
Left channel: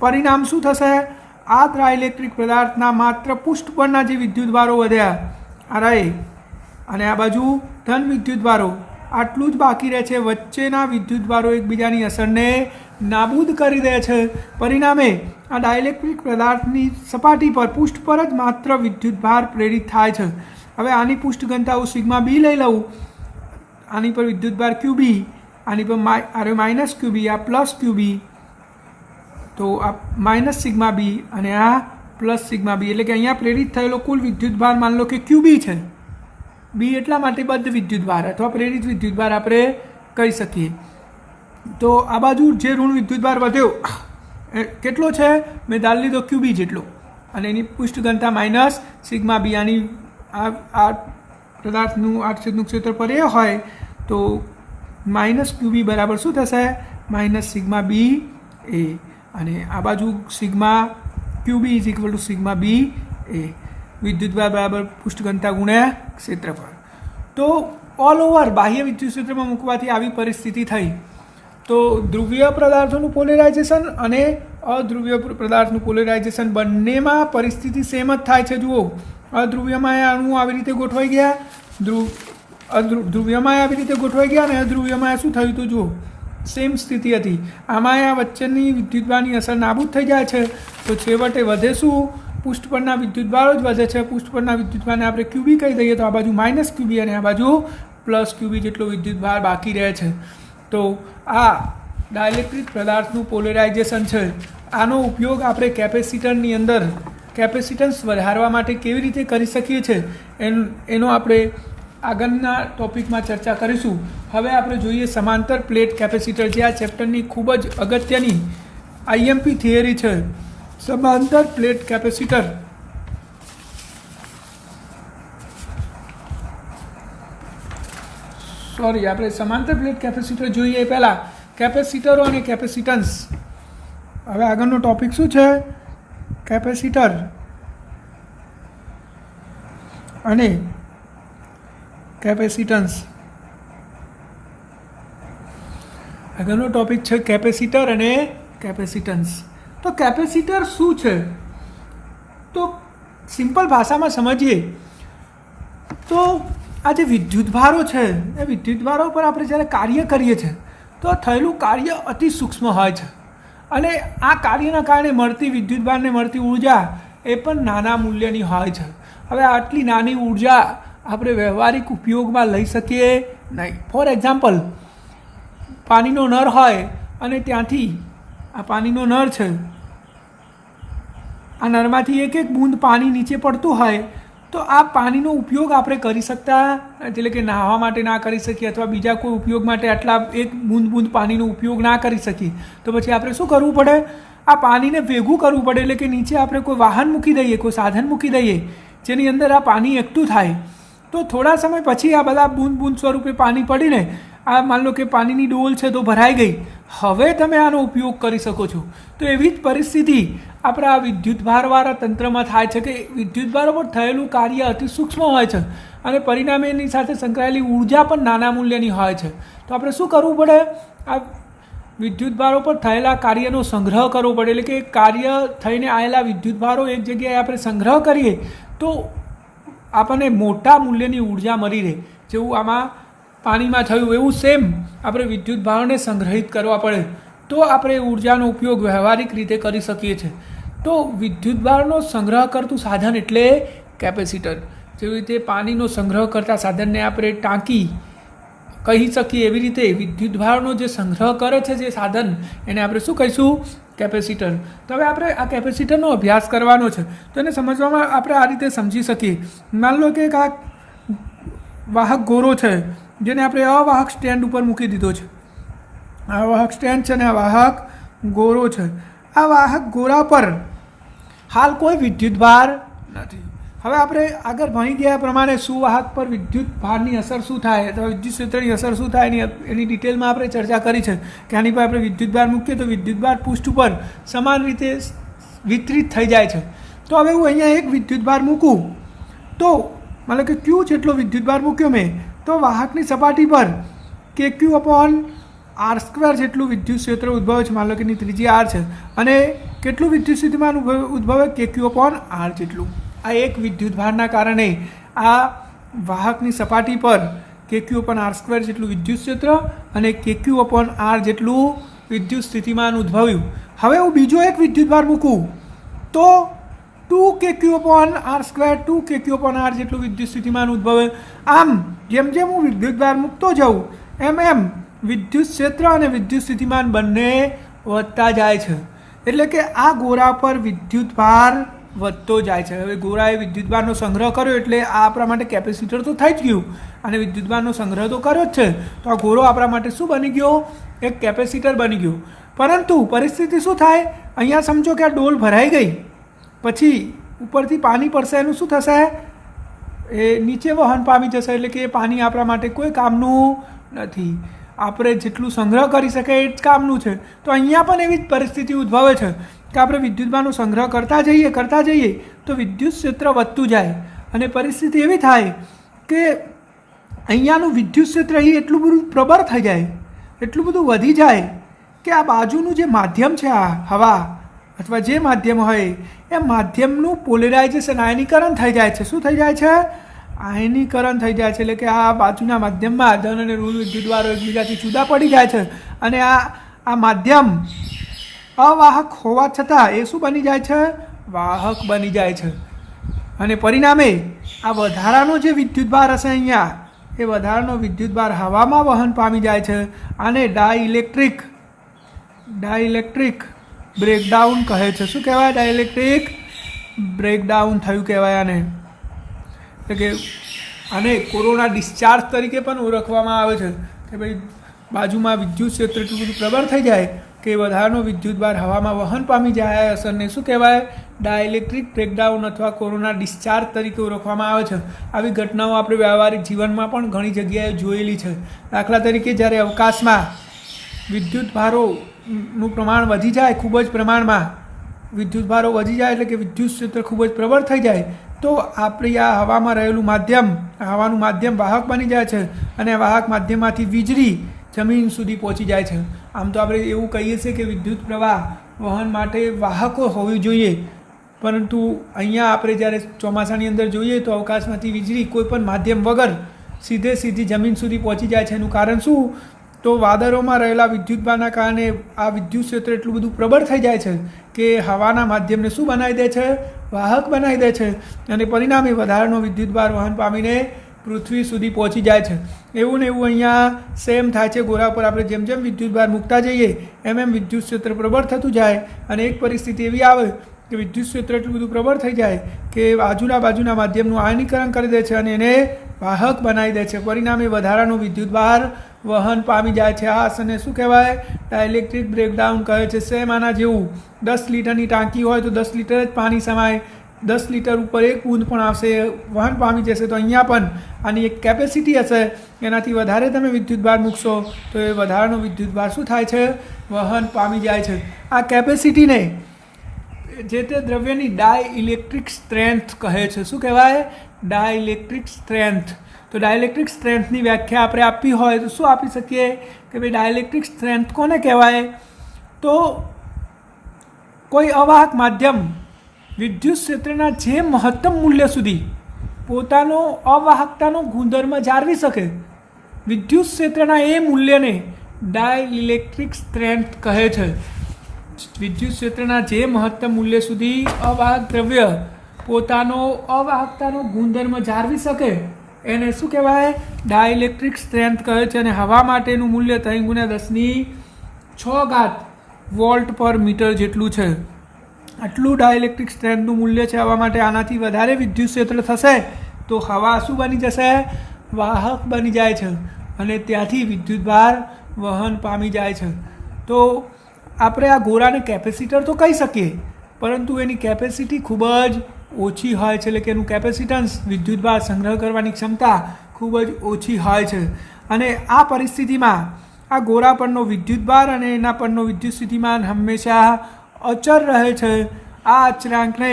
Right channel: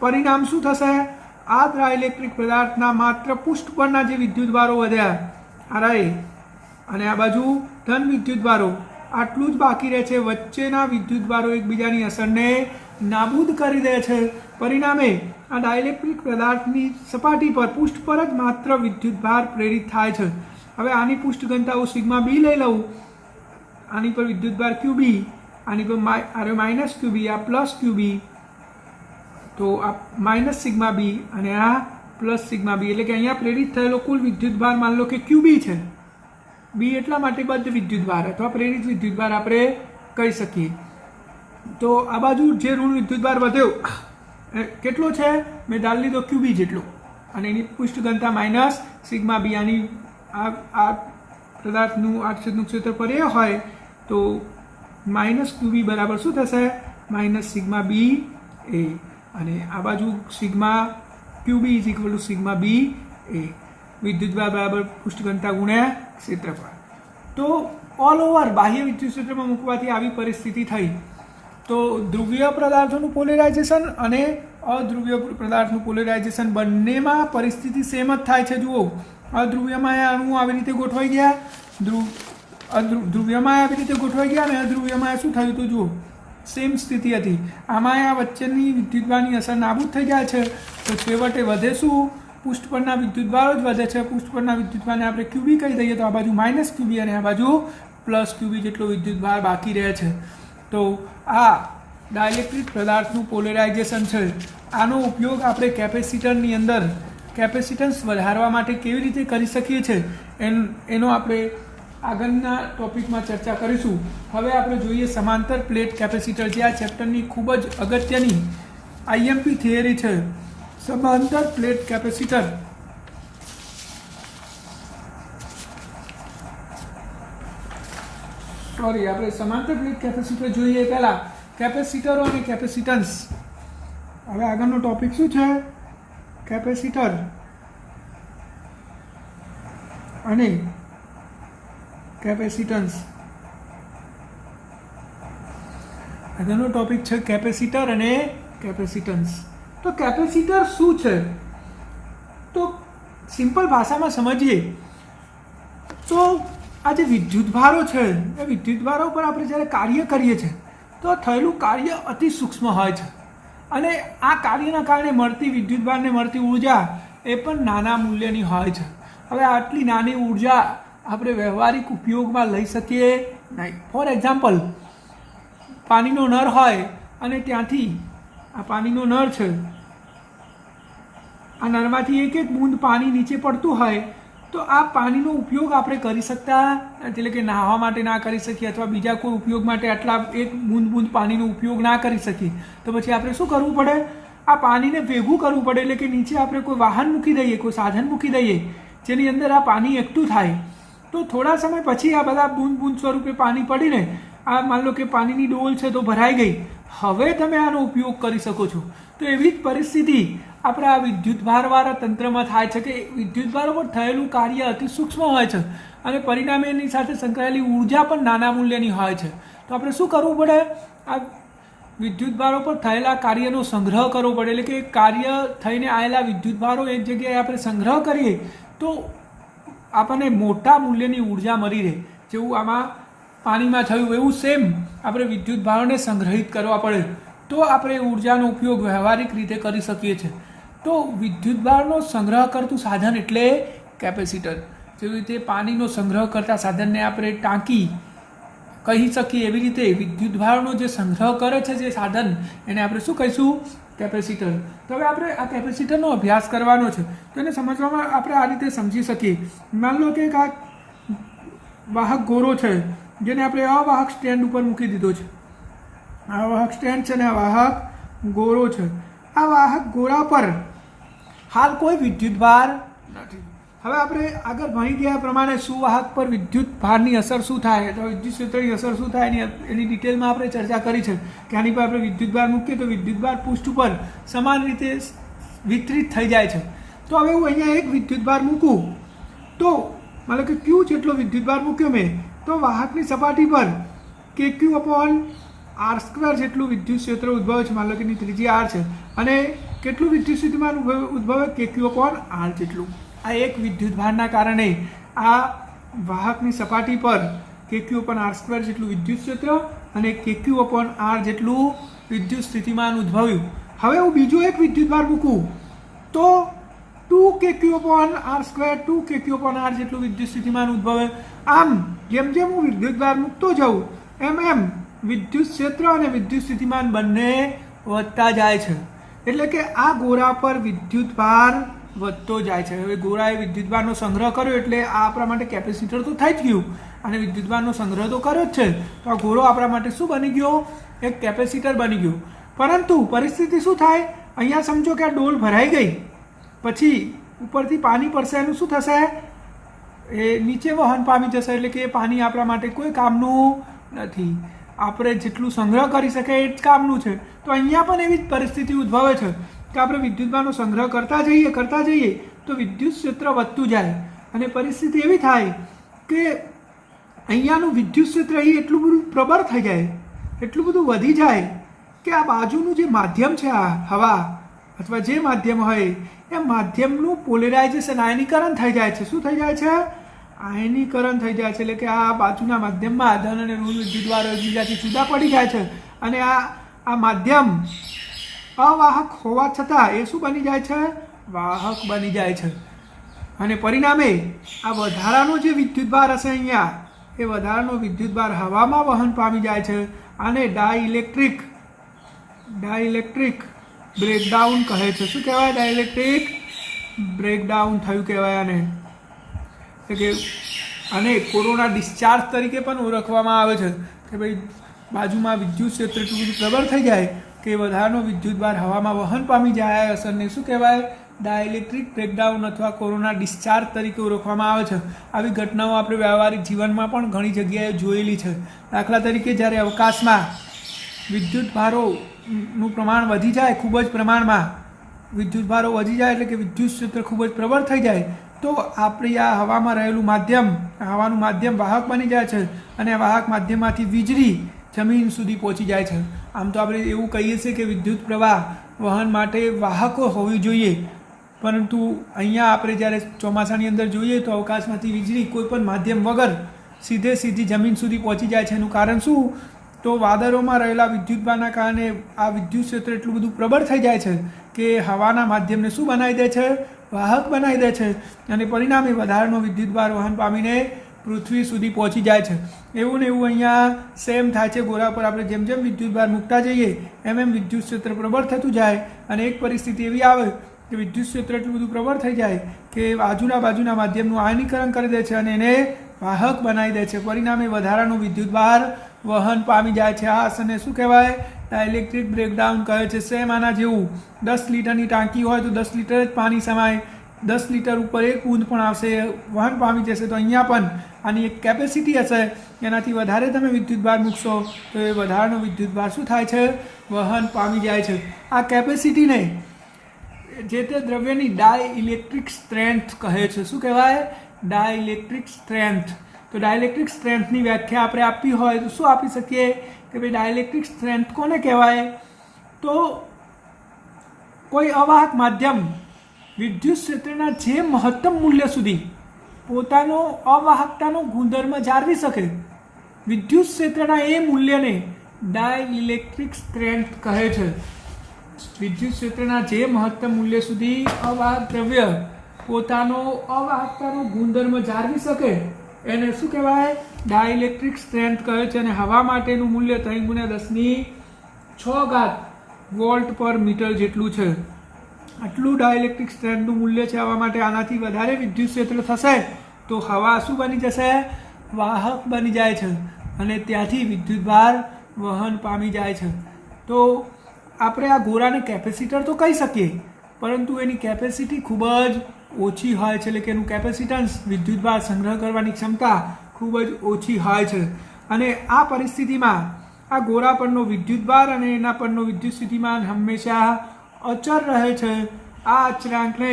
પરિણામ શું થશે? આ ડાઇલેક્ટ્રિક પદાર્થના માત્ર પૃષ્ઠ પરના જે વિદ્યુતભારો વધ્યા આ રહે અને આ બાજુ ધન વિદ્યુતભારો આટલું જ બાકી રહે છે. વચ્ચેના વિદ્યુતભારો એકબીજાની અસરને નાબૂદ કરી દે છે. પરિણામે આ ડાઇલેક્ટ્રિક પદાર્થની સપાટી પર પૃષ્ઠ પર જ માત્ર વિદ્યુતભાર પ્રેરિત થાય છે. હવે આની પૃષ્ઠ ઘનતા હું સિગ્મા બી લઈ લઉં, આની પર વિદ્યુતભાર ક્યુબી, આની પર માઇનસ ક્યુબી, આ પ્લસ ક્યુબી, તો આ માઇનસ સિગ્મા બી અને આ પ્લસ સિગ્મા બી, એટલે કે અહીંયા પ્રેરિત થયેલો કુલ વિદ્યુતભાર માની લો કે ક્યુબી છે. બી એટલા માટે બદ્ધ વિદ્યુતભાર અથવા પ્રેરિત વિદ્યુતભાર આપણે કહી શકીએ. તો આ બાજુ જે ઋણ વિદ્યુતભાર વધ્યો કેટલો છે? મેં ધારી લીધો ક્યુબી જેટલો અને એની પૃષ્ઠ ઘનતા માઇનસ સિગ્મા બી. આની આ પદાર્થનું આડછેદનું ક્ષેત્રફળ એ હોય તો માઇનસ ક્યુબી બરાબર શું થશે? માઇનસ સિગ્મા બી એ, અને આ બાજુ sigma Q B is equal to sigma B A. વિદ્યુતભાર બરાબર પૃષ્ઠ ઘનતા ગુણ્યા ક્ષેત્રફળ. તો ઓલ ઓવર બાહ્ય વિદ્યુત ક્ષેત્રમાં મૂકવાથી આવી પરિસ્થિતિ થઈ. તો ધ્રુવીય પદાર્થોનું પોલેરાઇઝેશન અને અધ્રુવીય પદાર્થનું પોલેરાઇઝેશન બંનેમાં પરિસ્થિતિ સેમ જ થાય છે. જુઓ, અધ્રુવીયમાં અણુઓ આવી રીતે ગોઠવાઈ ગયા, ધ્રુવીયમાં આવી રીતે ગોઠવાઈ ગયા અને અધ્રુવીયમાં શું થયું? તો જુઓ સેમ સ્થિતિ હતી. આમાં આ વચ્ચેની વિદ્યુતભારની અસર નાબૂદ થઈ જાય છે તો છેવટે વધે શું? પૃષ્ઠ પરના વિદ્યુતભારો જ વધે છે. પૃષ્ઠ પરના વિદ્યુતભારને આપણે ક્યુબી કહી દઈએ તો આ બાજુ માઇનસ ક્યુબી અને આ બાજુ પ્લસ ક્યુબી જેટલો વિદ્યુતભાર બાકી રહે છે. તો આ ડાઇલેક્ટ્રિક પદાર્થનું પોલેરાઇઝેશન છે. આનો ઉપયોગ આપણે કેપેસિટરની અંદર કેપેસિટન્સ વધારવા માટે કેવી રીતે કરી શકીએ છીએ એનો આપણે આગળના ટોપિકમાં ચર્ચા કરીશું. હવે આપણે જોઈએ સમાંતર પ્લેટ કેપેસિટર, જે આ ચેપ્ટરની ખૂબ જ અગત્યની આઈએમપી થિયરી છે. સમાંતર પ્લેટ કેપેસિટર આપણે સમાંતર પ્લેટ કેપેસિટર જોઈએ. પહેલાં કેપેસિટરો અને કેપેસિટન્સ. હવે આગળનો ટોપિક શું છે? કેપેસિટર અને કેપેસિટન્સ. આગળનો ટોપિક છે કેપેસિટર અને કેપેસિટન્સ. તો કેપેસિટર શું છે? તો સિમ્પલ ભાષામાં સમજીએ તો આ જે વિદ્યુતભારો છે એ વિદ્યુતભારો પર આપણે જ્યારે કાર્ય કરીએ છીએ તો થયેલું કાર્ય અતિ સૂક્ષ્મ હોય છે અને આ કાર્યના કારણે મળતી વિદ્યુતભારને મળતી ઉર્જા એ પણ નાના મૂલ્યની હોય છે. હવે આટલી નાની ઉર્જા આપણે વ્યવહારિક ઉપયોગમાં લઈ શકીએ નહીં. ફોર એક્ઝામ્પલ, પાણીનો નળ હોય અને ત્યાંથી આ પાણીનો નળ છે, આ નળમાંથી એક એક બૂંદ પાણી નીચે પડતું હોય તો આ પાણીનો ઉપયોગ આપણે કરી શકતા, એટલે કે નહાવા માટે ના કરી શકીએ અથવા બીજા કોઈ ઉપયોગ માટે આટલા એક બૂંદ બૂંદ પાણીનો ઉપયોગ ના કરી શકીએ. તો પછી આપણે શું કરવું પડે? આ પાણીને ભેગું કરવું પડે, એટલે કે નીચે આપણે કોઈ વાહન મૂકી દઈએ, કોઈ સાધન મૂકી દઈએ જેની અંદર આ પાણી એકઠું થાય. તો થોડા સમય પછી આ બધા બૂંદ બૂંદ સ્વરૂપે પાણી પડીને આ માન લો કે પાણીની ડોલ છે તો ભરાઈ ગઈ, હવે તમે આનો ઉપયોગ કરી શકો છો. તો એવી જ પરિસ્થિતિ આપણા વિદ્યુત ભારવાળા તંત્રમાં થાય છે કે વિદ્યુત ભાર પર થયેલું કાર્ય અતિ સૂક્ષ્મ હોય છે અને પરિણામે એની સાથે સંકળાયેલી ઉર્જા પણ નાના મૂલ્યની હોય છે. તો આપણે શું કરવું પડે? આ વિદ્યુત ભારો પર થયેલા કાર્યનો સંગ્રહ કરવો પડે, એટલે કે કાર્ય થઈને આવેલા વિદ્યુત ભારો એક જગ્યાએ આપણે સંગ્રહ કરીએ તો આપણને મોટા મૂલ્યની ઉર્જા મળી રહે. જેવું આમાં પાણીમાં થયું એવું સેમ આપણે વિદ્યુત ભારોને સંગ્રહિત કરવા પડે તો આપણે ઉર્જાનો ઉપયોગ વ્યવહારિક રીતે કરી શકીએ છીએ. તો વિદ્યુત ભારનો સંગ્રહ કરતું સાધન એટલે કેપેસિટર. જેવી રીતે પાણીનો સંગ્રહ કરતા સાધનને આપણે ટાંકી કહી શકીએ, એવી રીતે વિદ્યુત ભારનો જે સંગ્રહ કરે છે જે સાધન એને આપણે શું કહીશું? કેપેસિટર. તો હવે આપણે આ કેપેસિટરનો અભ્યાસ કરવાનો છે. તો એને સમજવામાં આપણે આ રીતે સમજી શકીએ. માન લો કે આ વાહક ગોરો છે જેને આપણે અવાહક સ્ટેન્ડ ઉપર મૂકી દીધો છે. આ વાહક સ્ટેન્ડ છે ને આ વાહક ગોરો છે. આ વાહક ગોરા પર હાલ કોઈ વિદ્યુત ભાર નથી. હવે આપણે આગળ ભણી ગયા પ્રમાણે સુવાહક પર વિદ્યુત ભારની અસર શું થાય, તો વિદ્યુત ક્ષેત્રની અસર શું થાય એની ડિટેલમાં આપણે ચર્ચા કરી છે કે આની પર આપણે વિદ્યુત ભાર મૂકીએ તો વિદ્યુત ભાર પૃષ્ઠ ઉપર સમાન રીતે વિતરિત થઈ જાય છે. તો હવે હું અહીંયા એક વિદ્યુત ભાર મૂકું તો મતલબ કે ક્યુ જેટલો વિદ્યુત ભાર મૂક્યો મેં, તો વાહકની સપાટી પર કે ક્યુ અપોન આર સ્ક્વેર જેટલું વિદ્યુત ક્ષેત્ર ઉદ્ભવે છે. માન લો કે એની ત્રિજ્યા આર છે અને કેટલું વિદ્યુત સ્થિતિમાન ઉદ્ભવે? કે ક્યુ અપોન આર જેટલું. આ એક વિદ્યુત ભારના કારણે આ વાહકની સપાટી પર કે ક્યુ અપોન આર સ્ક્વેર જેટલું વિદ્યુત ક્ષેત્ર અને કે ક્યુ અપોન આર જેટલું વિદ્યુત સ્થિતિમાન ઉદ્ભવ્યું. હવે હું બીજો એક વિદ્યુત ભાર મૂકું તો 2 કે ક્યુ અપોન આર સ્ક્વેર 2 કે ક્યુ અપોન આર જેટલું વિદ્યુત સ્થિતિમાન ઉદ્ભવે. આમ જેમ જેમ હું વિદ્યુત ભાર મૂકતો જાઉં એમ એમ વિદ્યુત ક્ષેત્ર અને વિદ્યુત સ્થિતિમાન બંને વધતા જાય છે. એટલે કે આ ગોરા પર વિદ્યુત ભાર વધતો જાય છે. હવે ગોરાએ વિદ્યુત ભારનો સંગ્રહ કર્યો એટલે આ આપણા માટે કેપેસિટર તો થઈ જ ગયું અને વિદ્યુત ભારનો સંગ્રહ તો કર્યો જ છે. તો આ ગોરો આપણા માટે શું બની ગયો? એક કેપેસિટર બની ગયો. પરંતુ પરિસ્થિતિ શું થાય? અહીંયા સમજો કે આ ડોલ ભરાઈ ગઈ, પછી ઉપરથી પાણી પડશે, એનું શું થશે? એ નીચે વહન પામી જશે, એટલે કે એ પાણી આપણા માટે કોઈ કામનું નથી. આપણે જેટલું સંગ્રહ કરી શકીએ એ જ કામનું છે. તો અહીંયા પણ એવી જ પરિસ્થિતિ ઉદ્ભવે છે કે આપણે વિદ્યુતભારનો સંગ્રહ કરતા જઈએ તો વિદ્યુત ક્ષેત્ર વધતું જાય અને પરિસ્થિતિ એવી થાય કે અહીંયાનું વિદ્યુત ક્ષેત્ર અહીં એટલું બધું પ્રબળ થઈ જાય, એટલું બધું વધી જાય કે આ બાજુનું જે માધ્યમ છે, આ હવા અથવા જે માધ્યમ હોય એ માધ્યમનું પોલેરાઇઝેશન આયનીકરણ થઈ જાય છે. શું થઈ જાય છે? આયનીકરણ થઈ જાય છે. એટલે કે આ બાજુના માધ્યમમાં ધન અને ઋણ વિદ્યુતભારો એકબીજાથી જુદા પડી જાય છે અને આ માધ્યમ અવાહક હોવા છતાં એ શું બની જાય છે? વાહક બની જાય છે. અને પરિણામે આ વધારાનો જે વિદ્યુતભાર હશે અહીંયા, એ વધારાનો વિદ્યુતભાર હવામાં વહન પામી જાય છે. આને ડાઇલેક્ટ્રિક બ્રેકડાઉન કહે છે. શું કહેવાય? ડાઇલેક્ટ્રિક બ્રેકડાઉન થયું કહેવાય આને. એટલે કે આને કોરોના ડિસ્ચાર્જ તરીકે પણ ઓળખવામાં આવે છે કે ભાઈ બાજુમાં વિદ્યુત ક્ષેત્ર એટલું બધું પ્રબળ થઈ જાય કે વધારાનો વિદ્યુતભાર હવામાં વહન પામી જાય. અસરને શું કહેવાય? ડાઇલેક્ટ્રિક બ્રેકડાઉન અથવા કોરોના ડિસ્ચાર્જ તરીકે ઓળખવામાં આવે છે. આવી ઘટનાઓ આપણે વ્યવહારિક જીવનમાં પણ ઘણી જગ્યાએ જોયેલી છે. દાખલા તરીકે જ્યારે અવકાશમાં વિદ્યુતભારોનું પ્રમાણ વધી જાય, ખૂબ જ પ્રમાણમાં વિદ્યુતભારો વધી જાય એટલે કે વિદ્યુત ક્ષેત્ર ખૂબ જ પ્રબળ થઈ જાય તો આપણી આ હવામાં રહેલું માધ્યમ, હવાનું માધ્યમ વાહક બની જાય છે અને વાહક માધ્યમમાંથી વીજળી જમીન સુધી પહોંચી જાય છે. આમ તો આપણે એવું કહીએ છીએ કે વિદ્યુત પ્રવાહ વહન માટે વાહકો હોવી જોઈએ, પરંતુ અહીંયા આપણે જ્યારે ચોમાસાની અંદર જોઈએ તો અવકાશમાંથી વીજળી કોઈપણ માધ્યમ વગર સીધી જમીન સુધી પહોંચી જાય છે. એનું કારણ શું? તો વાદળોમાં રહેલા વિદ્યુતભારના કારણે આ વિદ્યુત ક્ષેત્ર એટલું બધું પ્રબળ થઈ જાય છે કે હવાના માધ્યમને શું બનાવી દે છે? વાહક બનાવી દે છે અને પરિણામે વધારાનો વિદ્યુતભાર વહન પામીને પૃથ્વી સુધી પહોંચી જાય છે. એવું ને એવું અહીંયા સેમ થાય છે. ગોળા પર આપણે જેમ જેમ વિદ્યુતભાર મૂકતા જઈએ એમ વિદ્યુત ક્ષેત્ર પ્રબળ થતું જાય અને એક પરિસ્થિતિ એવી આવે કે વિદ્યુત ક્ષેત્ર એટલું બધું પ્રબળ થઈ જાય કે બાજુના માધ્યમનું આયનીકરણ કરી દે છે અને એને વાહક બનાવી દે છે. પરિણામે વધારાનો વિદ્યુતભાર વહન પામી જાય છે. આ અસરને શું કહેવાય? ડાઇલેક્ટ્રિક બ્રેકડાઉન કહે છે. સેમ આના જેવું 10 લીટરની ટાંકી હોય તો 10 લીટર જ પાણી સમાય, 10 લીટર ઉપર એક બૂંદ પણ આવશે, વહન પામી જશે. તો અહીંયા પણ આની એક કેપેસિટી હશે, એનાથી વધારે તમે વિદ્યુતભાર મૂકશો તો એ વધારાનો વિદ્યુતભાર શું થાય છે? વહન પામી જાય છે. આ કેપેસિટીને જે તે દ્રવ્યની ડાયઇલેક્ટ્રિક સ્ટ્રેન્થ કહે છે. શું કહેવાય? Dielectric strength. તો ડાયઇલેક્ટ્રિક સ્ટ્રેન્થની વ્યાખ્યા આપણે આપવી હોય તો શું આપી શકીએ કે ભાઈ ડાયઇલેક્ટ્રિક સ્ટ્રેન્થ કોને કહેવાય? તો કોઈ અવાહક માધ્યમ વિદ્યુત ક્ષેત્રના જે મહત્તમ મૂલ્ય સુધી પોતાનો અવાહકતાનો ગુણધર્મ જાળવી શકે, વિદ્યુત ક્ષેત્રના એ મૂલ્યને ડાયઇલેક્ટ્રિક સ્ટ્રેન્થ કહે છે. વિદ્યુત ક્ષેત્રના જે મહત્તમ મૂલ્ય સુધી અવાહક દ્રવ્ય પોતાનો અવાહકતાનો ગુણધર્મ જાળવી શકે એને શું કહેવાય? ડાયઇલેક્ટ્રિક સ્ટ્રેન્થ કહે છે. અને હવા માટેનું મૂલ્ય 3×10⁶ વોલ્ટ પર મીટર જેટલું છે. આટલું ડાયઇલેક્ટ્રિક સ્ટ્રેન્થનું મૂલ્ય છે હવા માટે. આનાથી વધારે વિદ્યુત ક્ષેત્ર થશે તો હવા શું બની જશે? વાહક બની જાય છે અને ત્યાંથી વિદ્યુતભાર વહન પામી જાય છે. તો આપણે આ ગોળાને કેપેસિટર તો કહી શકીએ, પરંતુ એની કેપેસિટી ખૂબ જ ઓછી હોય છે. એટલે કે એનું કેપેસિટન્સ વિદ્યુતભાર સંગ્રહ કરવાની ક્ષમતા ખૂબ જ ઓછી હોય છે. અને આ પરિસ્થિતિમાં આ ગોળા પરનો વિદ્યુતભાર અને એના પરનો વિદ્યુત સ્થિતિમાન હંમેશા અચળ રહે છે. આ અચળાંકને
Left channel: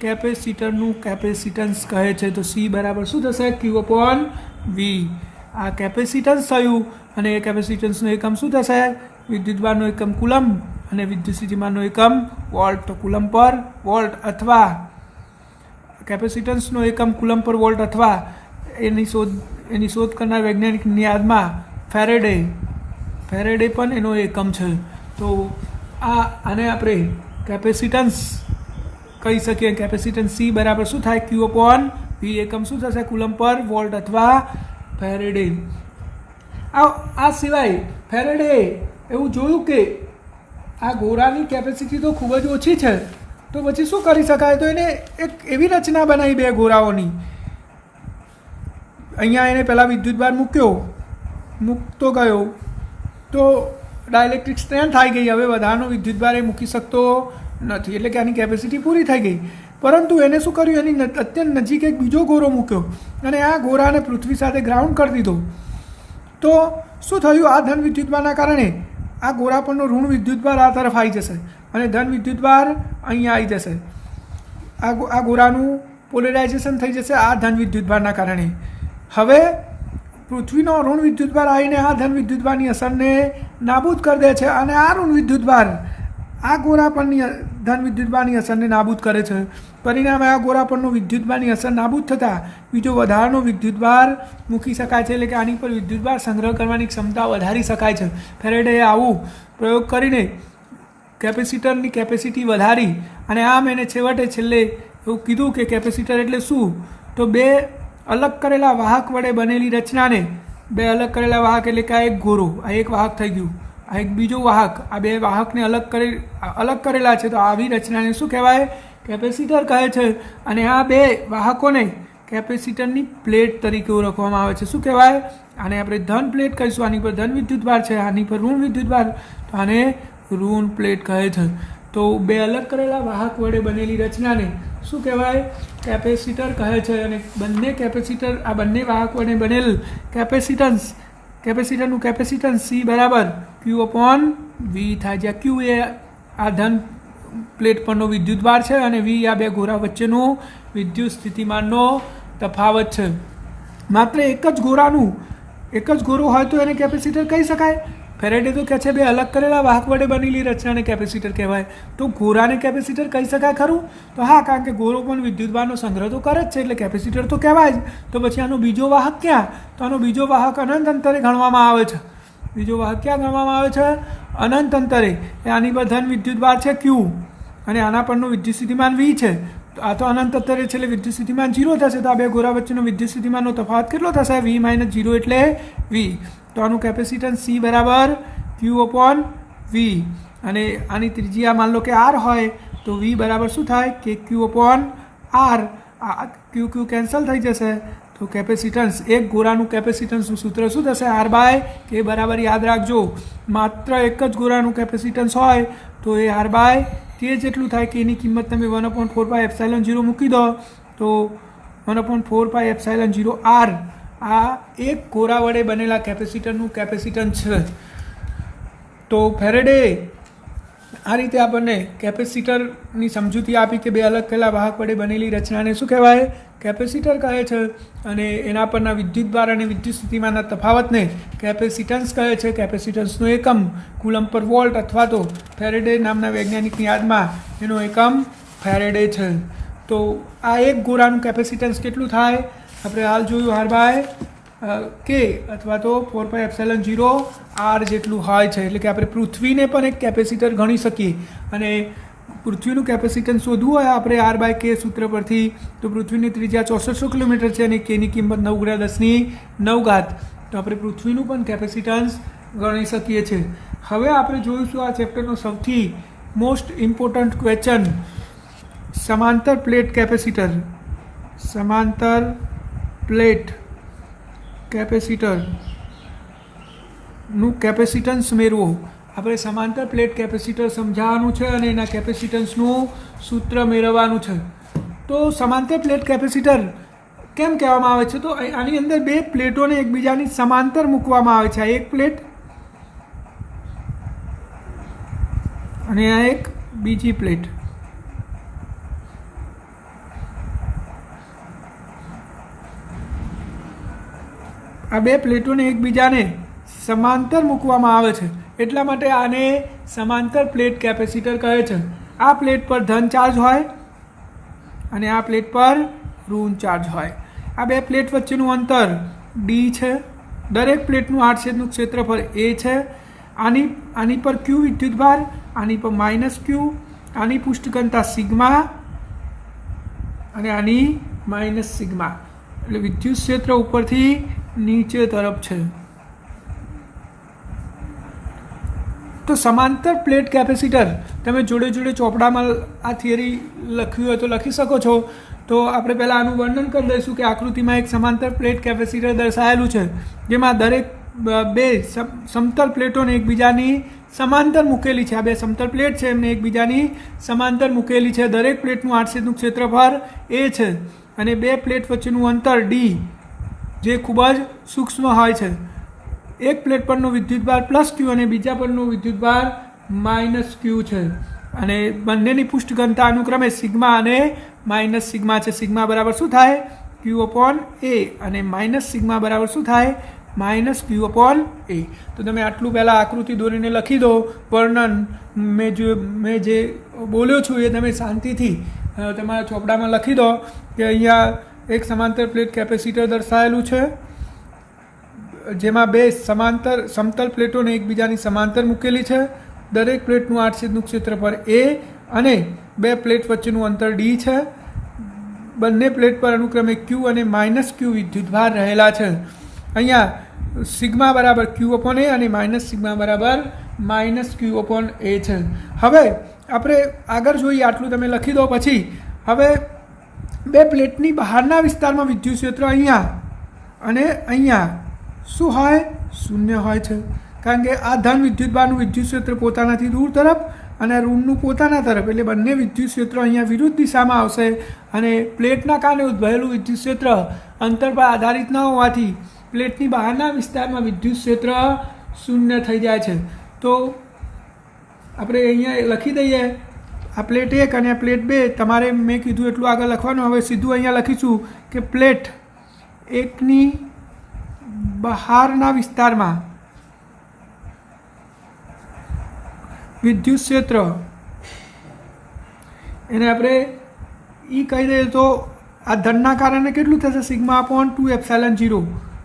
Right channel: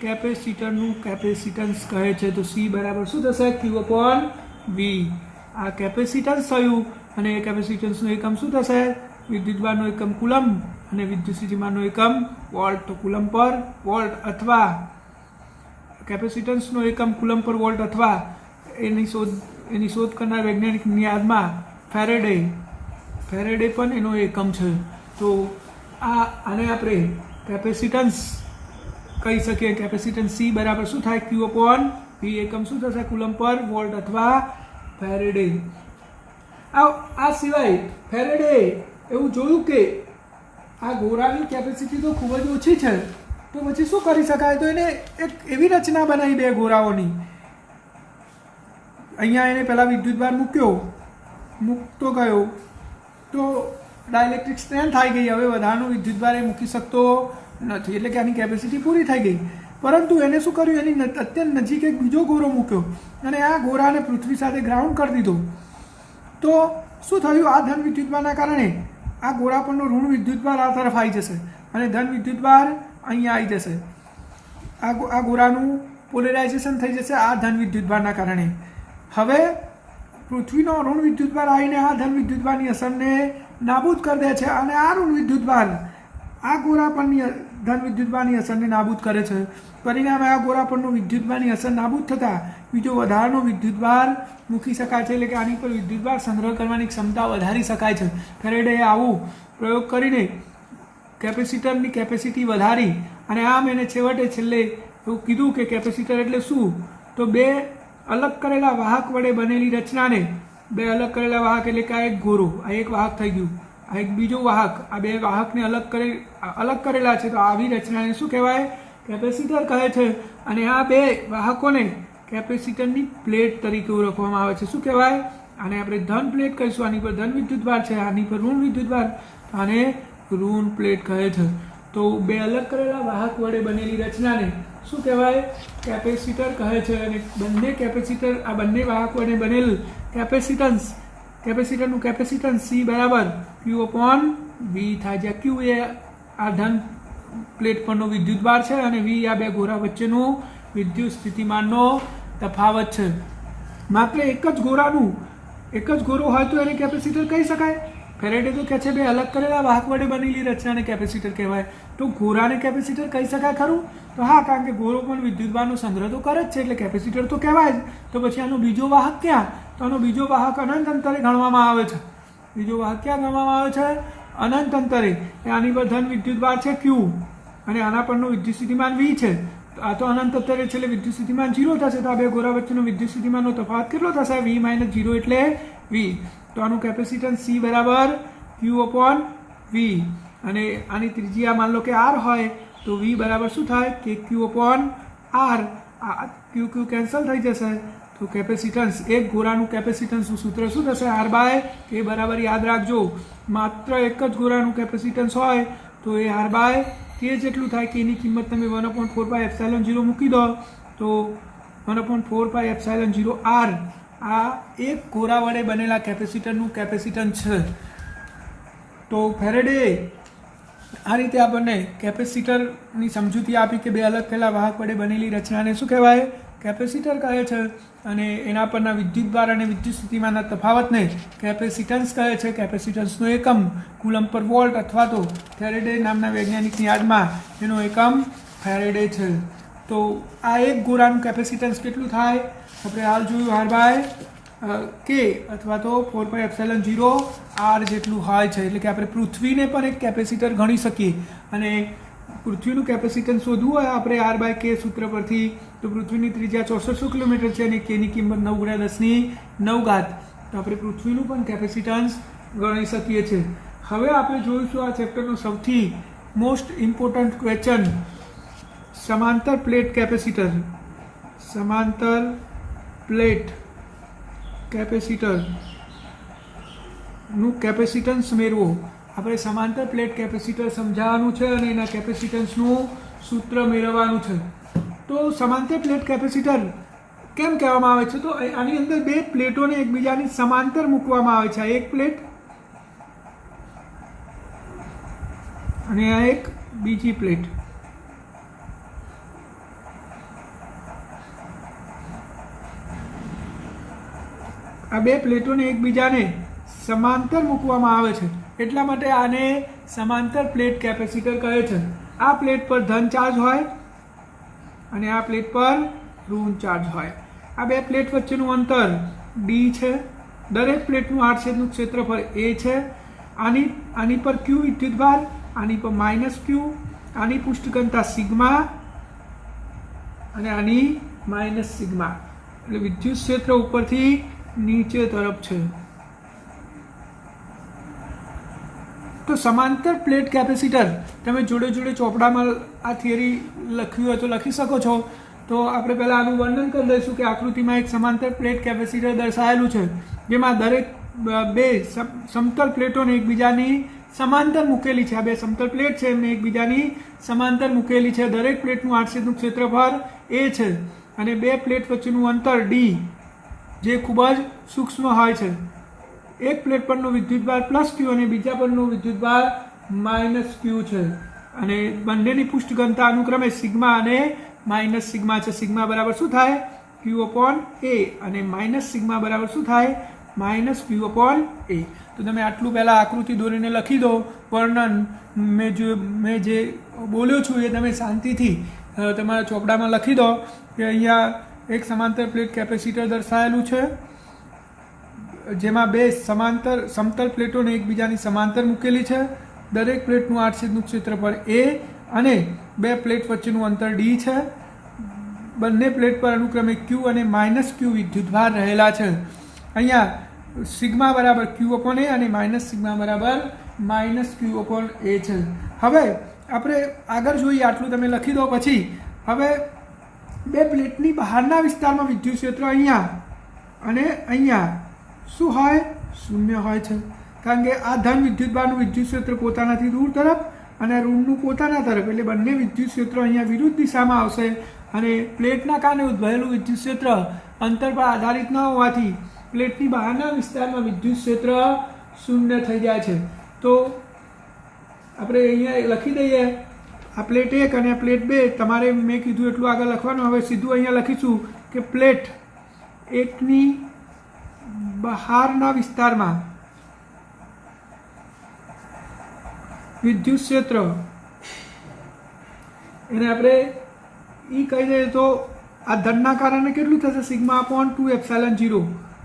કેપેસિટરનું કેપેસિટન્સ કહે છે. તો C બરાબર શું થશે? Q/V. આ કેપેસિટન્સ થયું અને એ કેપેસિટન્સનો એકમ શું થશે? વિદ્યુતભારનો એકમ કુલમ્બ અને વિદ્યુત સ્થિતિમાનનો એકમ વોલ્ટ. તો કુલમ્બ પર વોલ્ટ અથવા કેપેસિટન્સનો એકમ કુલમ્બ પર વોલ્ટ અથવા એની શોધ કરનાર વૈજ્ઞાનિકની યાદમાં ફેરેડે પણ એનો એકમ છે. તો આને આપણે કેપેસિટન્સ કહી શકીએ. કેપેસિટન્સ C બરાબર શું થાય? Q/V. એકમ શું થશે? કુલમ્બ પર વોલ્ટ અથવા ફેરેડે. આ સિવાય ફેરેડે એવું જોયું કે આ ગોળાની કેપેસિટી તો ખૂબ જ ઓછી છે, તો પછી શું કરી શકાય? તો એને એક એવી રચના બનાવી બે ગોળાઓની. અહીંયા એને પહેલાં વિદ્યુતભાર મૂકતો ગયો તો ડાયઇલેક્ટ્રિક સ્ટ્રેન્થ આવી ગઈ. હવે વધારાનો વિદ્યુતભાર એ મૂકી શકતો નથી, એટલે કે આની કેપેસિટી પૂરી થઈ ગઈ. પરંતુ એને શું કર્યું? એની અત્યંત નજીક એક બીજો ગોળો મૂક્યો અને આ ગોળાને પૃથ્વી સાથે ગ્રાઉન્ડ કરી દીધો. તો શું થયું? આ ધન વિદ્યુતભારના કારણે આ ગોળા પરનો ઋણ વિદ્યુતભાર આ તરફ આવી જશે અને ધન વિદ્યુતભાર અહીંયા આવી જશે. આ ગોળાનું પોલેરાઇઝેશન થઈ જશે આ ધન વિદ્યુતભારના કારણે. હવે પૃથ્વીનો ઋણ વિદ્યુતભાર આવીને આ ધન વિદ્યુતભારની અસરને નાબૂદ કરી દે છે અને આ ઋણ વિદ્યુતભાર આ ગોળા પરની ધન વિદ્યુતભારની અસરને નાબૂદ કરે છે. પરિણામે આ ગોળા પરનો વિદ્યુતભારની અસર નાબૂદ થતાં બીજો વધારાનો વિદ્યુતભાર મૂકી શકાય છે. એટલે કે આની પર વિદ્યુતભાર સંગ્રહ કરવાની ક્ષમતા વધારી શકાય છે. ફેરેડેએ આવું પ્રયોગ કરીને કેપેસિટરની કેપેસિટી વધારી અને આમ એને છેલ્લે એવું કીધું કે કેપેસિટર એટલે શું? તો બે અલગ કરેલા વાહક વડે બનેલી રચનાને, બે અલગ કરેલા વાહક એટલે કે આ એક ગોળો, આ એક વાહક થઈ ગયું, આ એક બીજો વાહક, આ બે વાહકને અલગ કરેલા છે તો આવી રચનાને શું કહેવાય? કેપેસિટર કહે છે. અને આ બે વાહકોને કેપેસિટરની પ્લેટ તરીકે ઓળખવામાં આવે છે. શું કહેવાય? આને આપણે ધન પ્લેટ કહીશું. આની પર ધન વિદ્યુતભાર છે, આની પર ઋણ વિદ્યુતભાર, તો આને ઋણ પ્લેટ કહે છે. તો બે અલગ કરેલા વાહક વડે બનેલી રચનાને શું કહેવાય? કેપેસિટર કહે છે. અને બંને કેપેસિટર, આ બંને વાહક વડે બનેલ કેપેસિટરનું કેપેસિટન્સ C બરાબર Q/V થાય. જ્યાં Q એ આ ધન પ્લેટ પરનો વિદ્યુતભાર છે અને V આ બે ગોળા વચ્ચેનો વિદ્યુત સ્થિતિમાનનો તફાવત છે. માત્ર એક જ ગોળો હોય તો એને કેપેસિટર કહી શકાય. ફેરેડે તો કહે છે બે અલગ કરેલા વાહક વડે બનેલી રચનાને કેપેસિટર કહેવાય. તો ગોળાને કેપેસિટર કહી શકાય ખરું? તો હા, કારણ કે ગોળો પણ વિદ્યુતભારનો સંગ્રહ તો કરે જ છે એટલે કેપેસિટર તો કહેવાય જ. તો પછી આનો બીજો વાહક ક્યાં? તો આનો બીજો વાહક અનંત અંતરે ગણવામાં આવે છે. બીજો વાહક ક્યાં ગણવામાં આવે છે? અનંત અંતરે. આની પર ધન વિદ્યુતભાર છે Q અને આના પરનો વિદ્યુત સ્થિતિમાન V છે આ તો અનંત અંતરે છે એટલે વિદ્યુત સ્થિતિમાન 0 થશે. તો આ બે ગોળા વચ્ચેનો વિદ્યુત સ્થિતિમાનનો તફાવત કેટલો થશે? V - 0 એટલે V. તો આનું કેપેસિટન્સ C બરાબર Q/V. અને આની ત્રિજ્યા માન લો કે R હોય તો V બરાબર શું થાય? KQ/R. Q કેન્સલ થઈ જશે. તો કેપેસિટન્સ એક ગોળાનું કેપેસિટન્સનું સૂત્ર શું થશે? R/K બરાબર યાદ રાખજો, માત્ર એક જ ગોળાનું કેપેસિટન્સ હોય તો એ R/K જેટલું થાય. K ની કિંમત તમે 1/4πε0 મૂકી દો તો 1/4πε0R આ એક ગોળા વડે બનેલા કેપેસિટરનું કેપેસિટન્સ છે. તો ફેરેડે આ રીતે આપણને કેપેસિટરની સમજૂતી આપી કે બે અલગ પહેલાં વાહક વડે બનેલી રચનાને શું કહેવાય? કેપેસિટર કહે છે. અને એના પરના વિદ્યુતભાર અને વિદ્યુત સ્થિતિમાનના તફાવતને કેપેસિટન્સ કહે છે. કેપેસિટન્સનો એકમ કુલમ્બ પર વોલ્ટ અથવા તો ફેરેડે નામના વૈજ્ઞાનિકની યાદમાં એનો એકમ ફેરેડે છે. તો આ એક ગોળાનું કેપેસિટન્સ કેટલું થાય? આપણે હાલ જોયું R/K અથવા તો 4πε0R જેટલું હોય છે. એટલે કે આપણે પૃથ્વીને પણ એક કેપેસિટર ગણી શકીએ. અને પૃથ્વીનું કેપેસિટન્સ શોધવું હોય આપણે R/K સૂત્ર પરથી તો પૃથ્વીની ત્રિજ્યા 6400 કિલોમીટર છે અને K ની કિંમત 9×10⁹. તો આપણે પૃથ્વીનું પણ કેપેસિટન્સ ગણી શકીએ છીએ. હવે આપણે જોઈશું આ ચેપ્ટરનો સૌથી મોસ્ટ ઇમ્પોર્ટન્ટ ક્વેશ્ચન, સમાંતર પ્લેટ કેપેસિટર. સમાંતર પ્લેટ કેપેસિટરનું કેપેસિટન્સ મેળવો. આપણે સમાંતર પ્લેટ કેપેસિટર સમજાવવાનું છે અને એના કેપેસિટન્સનું સૂત્ર મેળવવાનું છે. તો સમાંતર પ્લેટ કેપેસિટર કેમ કહેવામાં આવે છે? તો આની અંદર બે પ્લેટોને એકબીજાની સમાંતર મૂકવામાં આવે છે. આ એક પ્લેટ અને આ એક બીજી પ્લેટ. આ બે પ્લેટોને એકબીજાને સમાંતર મૂકવામાં આવે છે. એટલા માટે આને સમાંતર પ્લેટ કેપેસિટર કહે છે. આ પ્લેટ પર ધન ચાર્જ હોય અને આ પ્લેટ પર ઋણ ચાર્જ હોય. આ બે પ્લેટ વચ્ચેનું અંતર D છે. દરેક પ્લેટનું આડછેદનું ક્ષેત્રફળ A છે. આની પર Q વિદ્યુતભાર, આની પર -Q, આની પૃષ્ઠઘનતા સિગ્મા અને આની -સિગ્મા. એટલે વિદ્યુત ક્ષેત્ર ઉપરથી નીચે તરફ છે. તો સમાંતર પ્લેટ કેપેસિટર તમે જોડે જોડે ચોપડામાં આ થિયરી લખ્યું હોય તો લખી શકો છો. તો આપણે પહેલાં આનું વર્ણન કરી દઈશું કે આકૃતિમાં એક સમાંતર પ્લેટ કેપેસિટર દર્શાવેલું છે જેમાં દરેક બે સમતલ પ્લેટોને એકબીજાની સમાંતર મૂકેલી છે. આ બે સમતલ પ્લેટ છે એમને એકબીજાની સમાંતર મૂકેલી છે. દરેક પ્લેટનું આડછેદનું ક્ષેત્રફળ A છે અને બે પ્લેટ વચ્ચેનું અંતર D જે ખૂબ જ સૂક્ષ્મ હોય છે. એક પ્લેટ પરનો વિદ્યુતભાર +Q અને બીજા પરનો વિદ્યુતભાર -Q છે. અને બંનેની પૃષ્ઠઘનતા અનુક્રમે સિગ્મા અને -સિગ્મા છે. સિગ્મા બરાબર શું થાય? Q/A અને -સિગ્મા બરાબર શું થાય? -Q/A. તો તમે આટલું પહેલાં આકૃતિ દોરીને લખી દો. વર્ણન મેં જે બોલ્યો છું એ તમે શાંતિથી તમારા ચોપડામાં લખી દો કે અહીંયા એક સમાંતર પ્લેટ કેપેસિટર દર્શાવેલું છે જેમાં બે સમતલ પ્લેટોને એકબીજાની સમાંતર મૂકેલી છે. દરેક પ્લેટનું આડછેદનું ક્ષેત્રફળ A અને બે પ્લેટ વચ્ચેનું અંતર D છે. બંને પ્લેટ પર અનુક્રમે Q અને -Q વિદ્યુતભાર રહેલા છે. અહીંયા સિગ્મા બરાબર Q/A અને -સિગ્મા બરાબર -Q/A છે. હવે આપણે આગળ જોઈએ. આટલું તમે લખી દો. પછી હવે બે પ્લેટની બહારના વિસ્તારમાં વિદ્યુત ક્ષેત્ર અહીંયા અને અહીંયા શું હોય? શૂન્ય હોય છે. કારણ કે આ ધન વિદ્યુતભારનું વિદ્યુત ક્ષેત્ર પોતાનાથી દૂર તરફ અને ઋણનું પોતાના તરફ, એટલે બંને વિદ્યુત ક્ષેત્રો અહીંયા વિરુદ્ધ દિશામાં આવશે. અને પ્લેટના કારણે ઉદ્ભવેલું વિદ્યુત ક્ષેત્ર અંતર પર આધારિત ન હોવાથી પ્લેટની બહારના વિસ્તારમાં વિદ્યુત ક્ષેત્ર શૂન્ય થઈ જાય છે. તો આપણે અહીંયા લખી દઈએ આ પ્લેટ 1 અને આ પ્લેટ 2. તમારે મેં કીધું એટલું આગળ લખવાનું. હવે સીધું અહીંયા લખીશું કે પ્લેટ 1ની બહારના વિસ્તારમાં વિદ્યુત ક્ષેત્ર એને આપણે કહી દઈએ તો આ ધનના કારણે કેટલું થશે? σ/2ε0.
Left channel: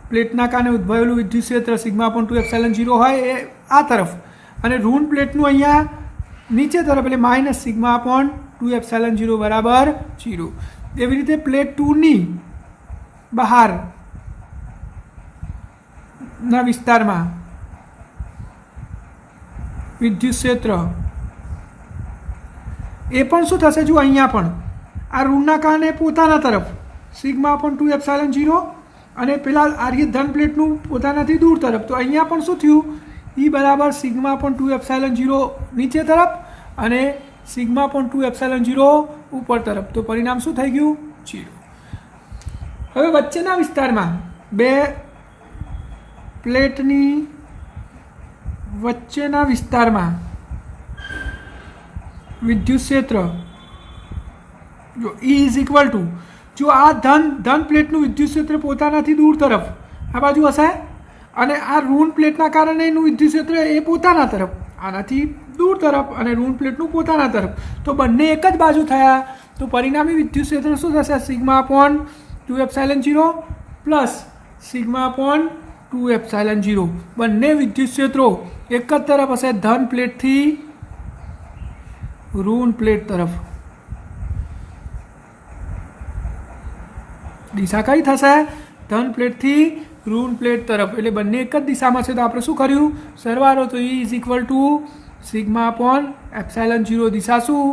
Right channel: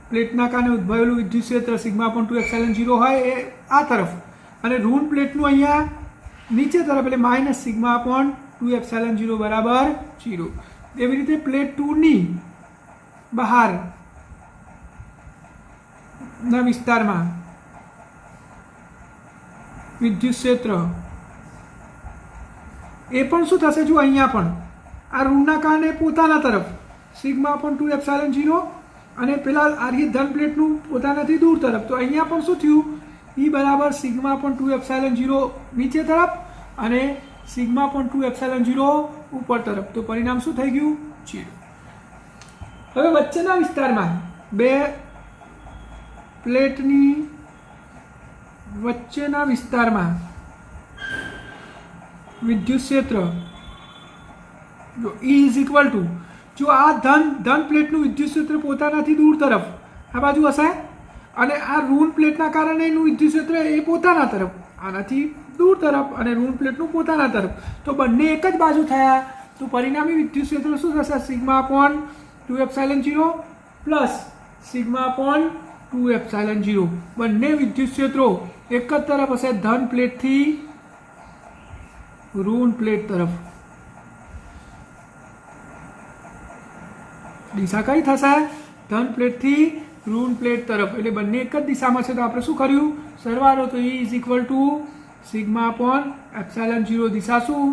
પ્લેટના કારણે ઉદ્ભવેલું વિદ્યુત ક્ષેત્ર σ/2ε0 હોય એ આ તરફ અને ઋણ પ્લેટનું અહીંયા નીચે તરફ એટલે -σ/2 2ε0 બરાબર 0. એવી રીતે પ્લેટ 2ની બહારના વિસ્તારમાં વિદ્યુત ક્ષેત્ર એ પણ શું થશે? જો અહીંયા પણ આ ઋણના કારણે પોતાના તરફ સિગ્મા પણ 2ε0 અને પેલા આ ધન પ્લેટનું પોતાનાથી દૂર તરફ, તો અહીંયા પણ શું થયું? E બરાબર સિગ્મા પણ 2ε0 નીચે તરફ અને સિગ્મા પણ 2ε0 ઉપર તરફ. તો પરિણામ શું થઈ ગયું? 0. હવે વચ્ચેના વિસ્તારમાં બે પ્લેટની વચ્ચેના વિસ્તારમાં વિદ્યુત ક્ષેત્ર જો E ઇઝ ઇક્વલ ટુ, જો આ ધન પ્લેટનું વિદ્યુત ક્ષેત્ર પોતાનાથી દૂર તરફ આ બાજુ હશે અને આ ઋણ પ્લેટના કારણે એનું વિદ્યુત ક્ષેત્ર એ પોતાના તરફ આનાથી દૂર તરફ અને ઋણ પ્લેટનું પોતાના તરફ, તો બંને એક જ બાજુ થયા. તો પરિણામી વિદ્યુત ક્ષેત્ર શું થશે? Sigma upon 2ε0 plus sigma upon 2ε0. બંને વિદ્યુત ક્ષેત્રો એક જ તરફ હશે, ધન પ્લેટથી ઋણ પ્લેટ તરફ. દિશા કઈ થશે? ધન પ્લેટથી ઋણ પ્લેટ તરફ, એટલે બંને એક જ દિશામાં છે. તો આપણે શું કર્યું? સરવાળો. તો E is equal to sigma upon ε0. દિશા શું?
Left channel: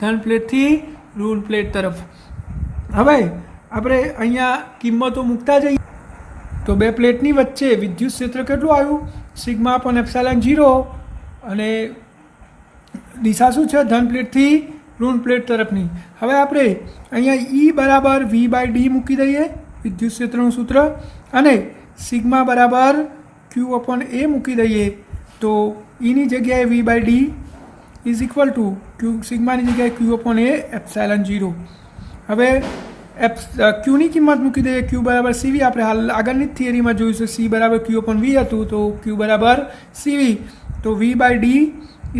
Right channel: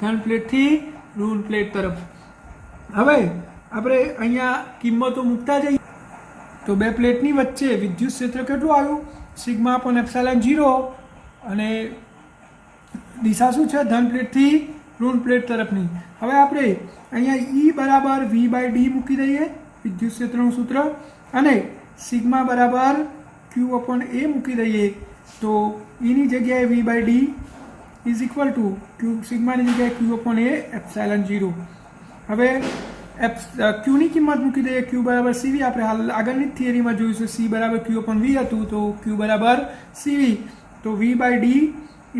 ધન પ્લેટથી ઋણ પ્લેટ તરફ. હવે આપણે અહીંયા કિંમતો મૂકતા જઈએ તો બે પ્લેટની વચ્ચે વિદ્યુત ક્ષેત્ર કેટલું આવ્યું? સિગ્મા અપોન ε0 અને દિશા શું છે? ધન પ્લેટથી ઋણ પ્લેટ તરફની. હવે આપણે અહીંયા E બરાબર V/d મૂકી દઈએ, વિદ્યુત ક્ષેત્રનું સૂત્ર, અને સિગ્મા બરાબર Q અપોન A મૂકી દઈએ. તો Eની જગ્યાએ V/d ઇઝ ઇક્વલ ટુ સિગ્માની જગ્યાએ Q અપોન A ε0. હવે Qની કિંમત મૂકી દઈએ. Q બરાબર CV. આપણે હાલ આગળની થિયરીમાં જોયું છે C બરાબર Q અપોન V હતું, તો Q બરાબર CV. તો V/d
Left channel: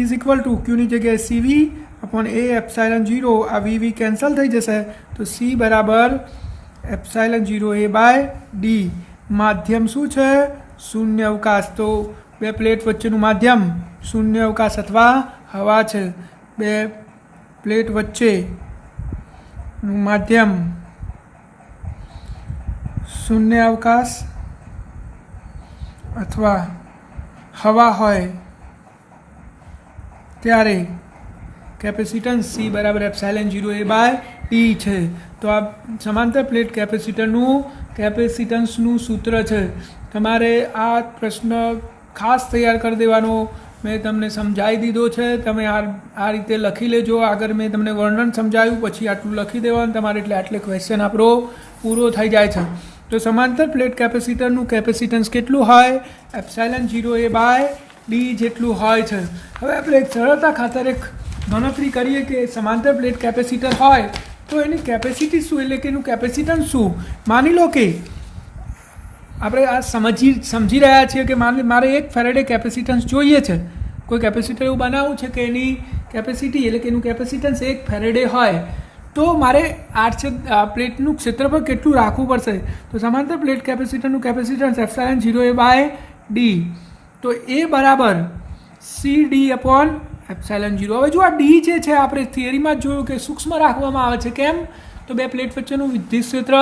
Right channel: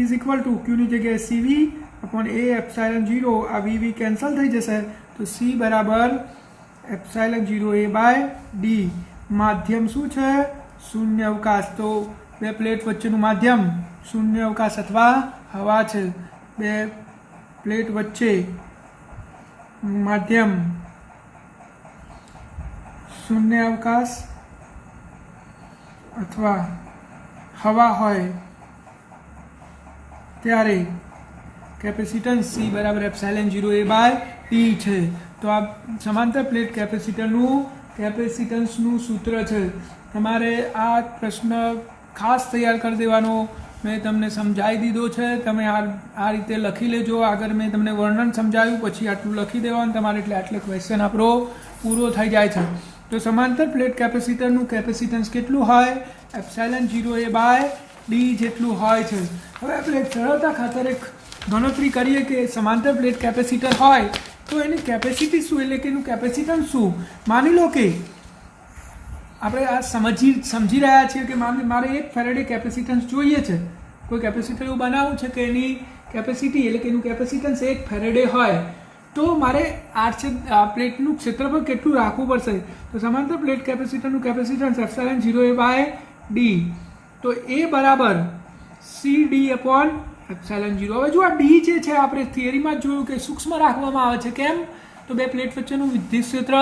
ઇઝ ઇક્વલ ટુ Qની જગ્યાએ CV અપોન A ε0. આ VV કેન્સલ થઈ જશે, તો C બરાબર ε0A/d. માધ્યમ શું છે? શૂન્ય અવકાશ. તો બે પ્લેટ વચ્ચેનું માધ્યમ શૂન્ય અવકાશ અથવા હવા છે. બે પ્લેટ વચ્ચે માધ્યમ શૂન્ય અવકાશ અથવા હવા હોય ત્યારે કેપેસિટન્સ C બરાબર ε0A/d છે. તો આ સમાંતર પ્લેટ કેપેસિટન્સનું સૂત્ર છે. તમારે આ પ્રશ્ન ખાસ તૈયાર કરી દેવાનો, મેં તમને સમજાવી દીધો છે. તમે આ રીતે લખી લેજો. આગળ મેં તમને વર્ણન સમજાવ્યું, પછી આટલું લખી દેવાનું તમારે, એટલે આટલે ક્વેશ્ચન આપણો પૂરો થઈ જાય છે. તો સમાંતર પ્લેટ કેપેસિટરનું કેપેસિટન્સ કેટલું હોય? ε0A/d જેટલું હોય છે. હવે આપણે એક સરળતા ખાતર એક ગણતરી કરીએ કે સમાંતર પ્લેટ કેપેસિટર હોય તો એની કેપેસિટી શું, એટલે કે એનું કેપેસિટન્સ શું. માની લો કે આપણે આ સમજી રહ્યા છીએ કે મારે 1 ફેરેડે કેપેસિટન્સ જોઈએ છે. કોઈ કેપેસિટર એવું બનાવવું છે કે એની કેપેસિટી એટલે કે એનું કેપેસિટન્સ 1 ફેરેડે હોય, તો મારે પ્લેટનું ક્ષેત્રફળ કેટલું રાખવું પડશે? તો સમાંતર પ્લેટ કેપેસિટરનું કેપેસિટન્સ ε0A/d. તો A બરાબર CD અપોન ε0. હવે જો આ d જે છે આપણે થિયરીમાં જોયું કે સૂક્ષ્મ રાખવામાં આવે છે. કેમ? તો બે પ્લેટ વચ્ચેનું વિદ્યુત ક્ષેત્ર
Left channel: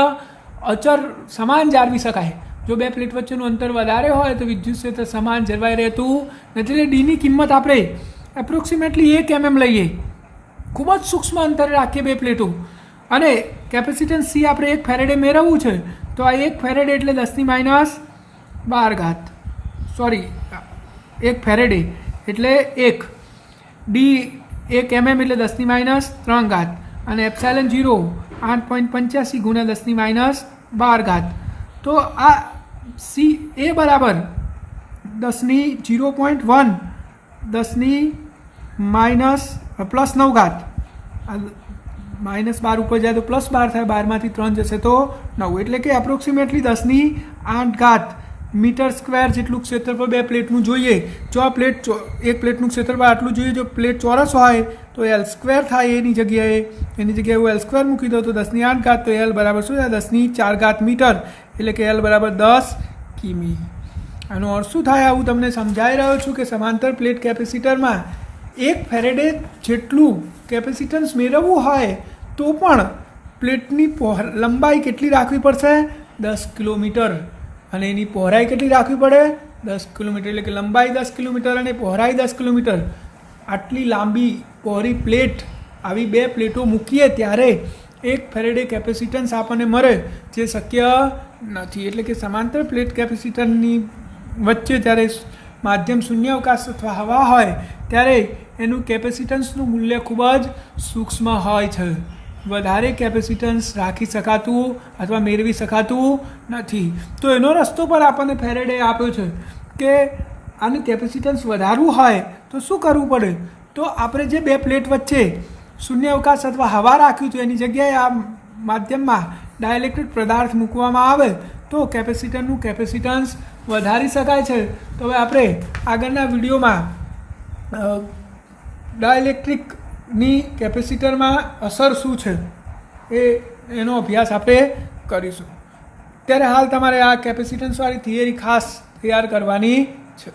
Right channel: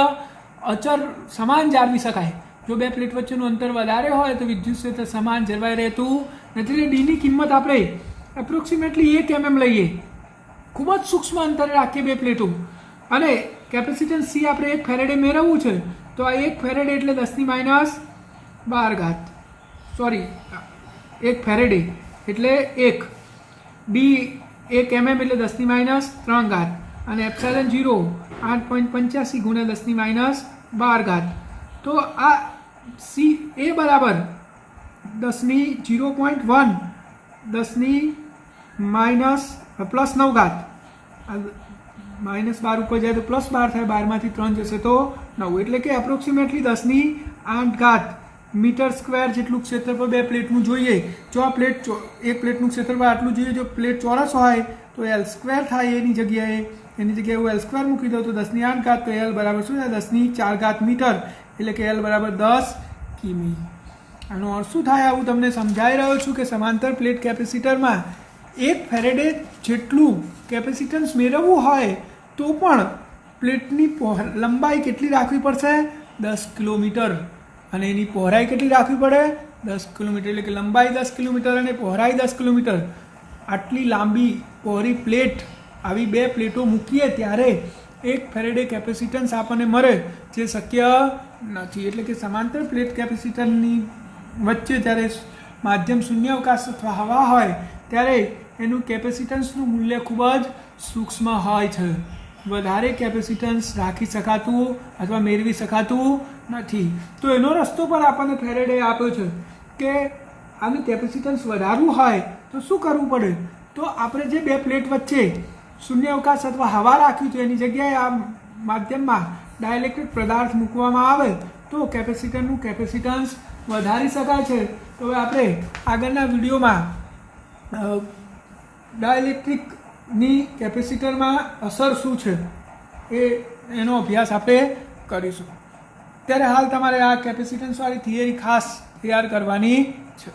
અચર સમાન જાળવી શકાય. જો બે પ્લેટ વચ્ચેનું અંતર વધારે હોય તો વિદ્યુત ક્ષેત્ર સમાન જળવાઈ રહેતું નથી. એટલે ડીની કિંમત આપણે એપ્રોક્સિમેટલી 1 mm લઈએ, ખૂબ જ સૂક્ષ્મ અંતરે રાખીએ બે પ્લેટો. અને કેપેસિટન્સ C આપણે 1 ફેરેડે મેળવવું છે, તો આ 1 ફેરેડે એટલે 10⁻12. સોરી, 1 ફેરેડે એટલે 1, d 1 mm એટલે 10⁻3, અને ε0 8.85 ગુણ્યા 10⁻12. તો આ C A બરાબર 10⁻0.1 10⁻+9. -12 ઉપર જાય તો +12 થાય, 12માંથી 3 જશે તો 9, એટલે કે એપ્રોક્સિમેટલી 10⁸ મીટર સ્ક્વેર જેટલું ક્ષેત્રફળ બે પ્લેટનું જોઈએ. જો આ એક પ્લેટનું ક્ષેત્રફળ આટલું જોઈએ, જો પ્લેટ ચોરસ હોય તો L² થાય. એની જગ્યાએ હું L² મૂકી દઉં તો 10⁸, તો L બરાબર શું થાય? 10⁴ મીટર, એટલે કે L બરાબર 10 કિમી. આનો અર્થ શું થાય? આવું તમને સમજાવી રહ્યો છું કે સમાંતર પ્લેટ કેપેસિટરમાં 1 ફેરેડે જેટલું કેપેસિટન્સ મેળવવું હોય તો પણ પ્લેટની લંબાઈ કેટલી રાખવી પડશે? 10 કિલોમીટર. અને એની પહોળાઈ કેટલી રાખવી પડે? 10 કિલોમીટર. એટલે કે લંબાઈ 10 કિલોમીટર અને પહોળાઈ 10 કિલોમીટર. આટલી લાંબી પહોળી પ્લેટ, આવી 2 પ્લેટો મૂકીએ ત્યારે 1 ફેરેડે કેપેસિટન્સ આપણને મળે, જે શક્ય નથી. એટલે કે સમાંતર પ્લેટ કેપેસિટરની વચ્ચે જ્યારે માધ્યમ શૂન્યાવકાશ અથવા હવા હોય ત્યારે એનું કેપેસિટન્સનું મૂલ્ય ખૂબ જ સૂક્ષ્મ હોય છે. વધારે કેપેસિટન્સ રાખી શકાતું અથવા મેળવી શકાતું નથી. તો એનો રસ્તો પણ આપણને ફેરેડે આપ્યો છે કે આનું કેપેસિટન્સ વધારવું હોય તો શું કરવું પડે? તો આપણે જે 2 પ્લેટ વચ્ચે શૂન્યાવકાશ અથવા હવા રાખ્યું તો એની જગ્યાએ આ માધ્યમમાં ડાયલેક્ટ્રિક પદાર્થ મૂકવામાં આવે તો કેપેસિટરનું કેપેસિટન્સ વધારી શકાય છે. તો હવે આપણે આગળના વિડીયોમાં ડાયલેક્ટ્રિકની કેપેસિટરમાં અસર શું છે એનો અભ્યાસ આપણે કરીશું. ત્યારે હાલ તમારે આ કેપેસિટન્સવાળી થિયરી ખાસ તૈયાર કરવાની છે.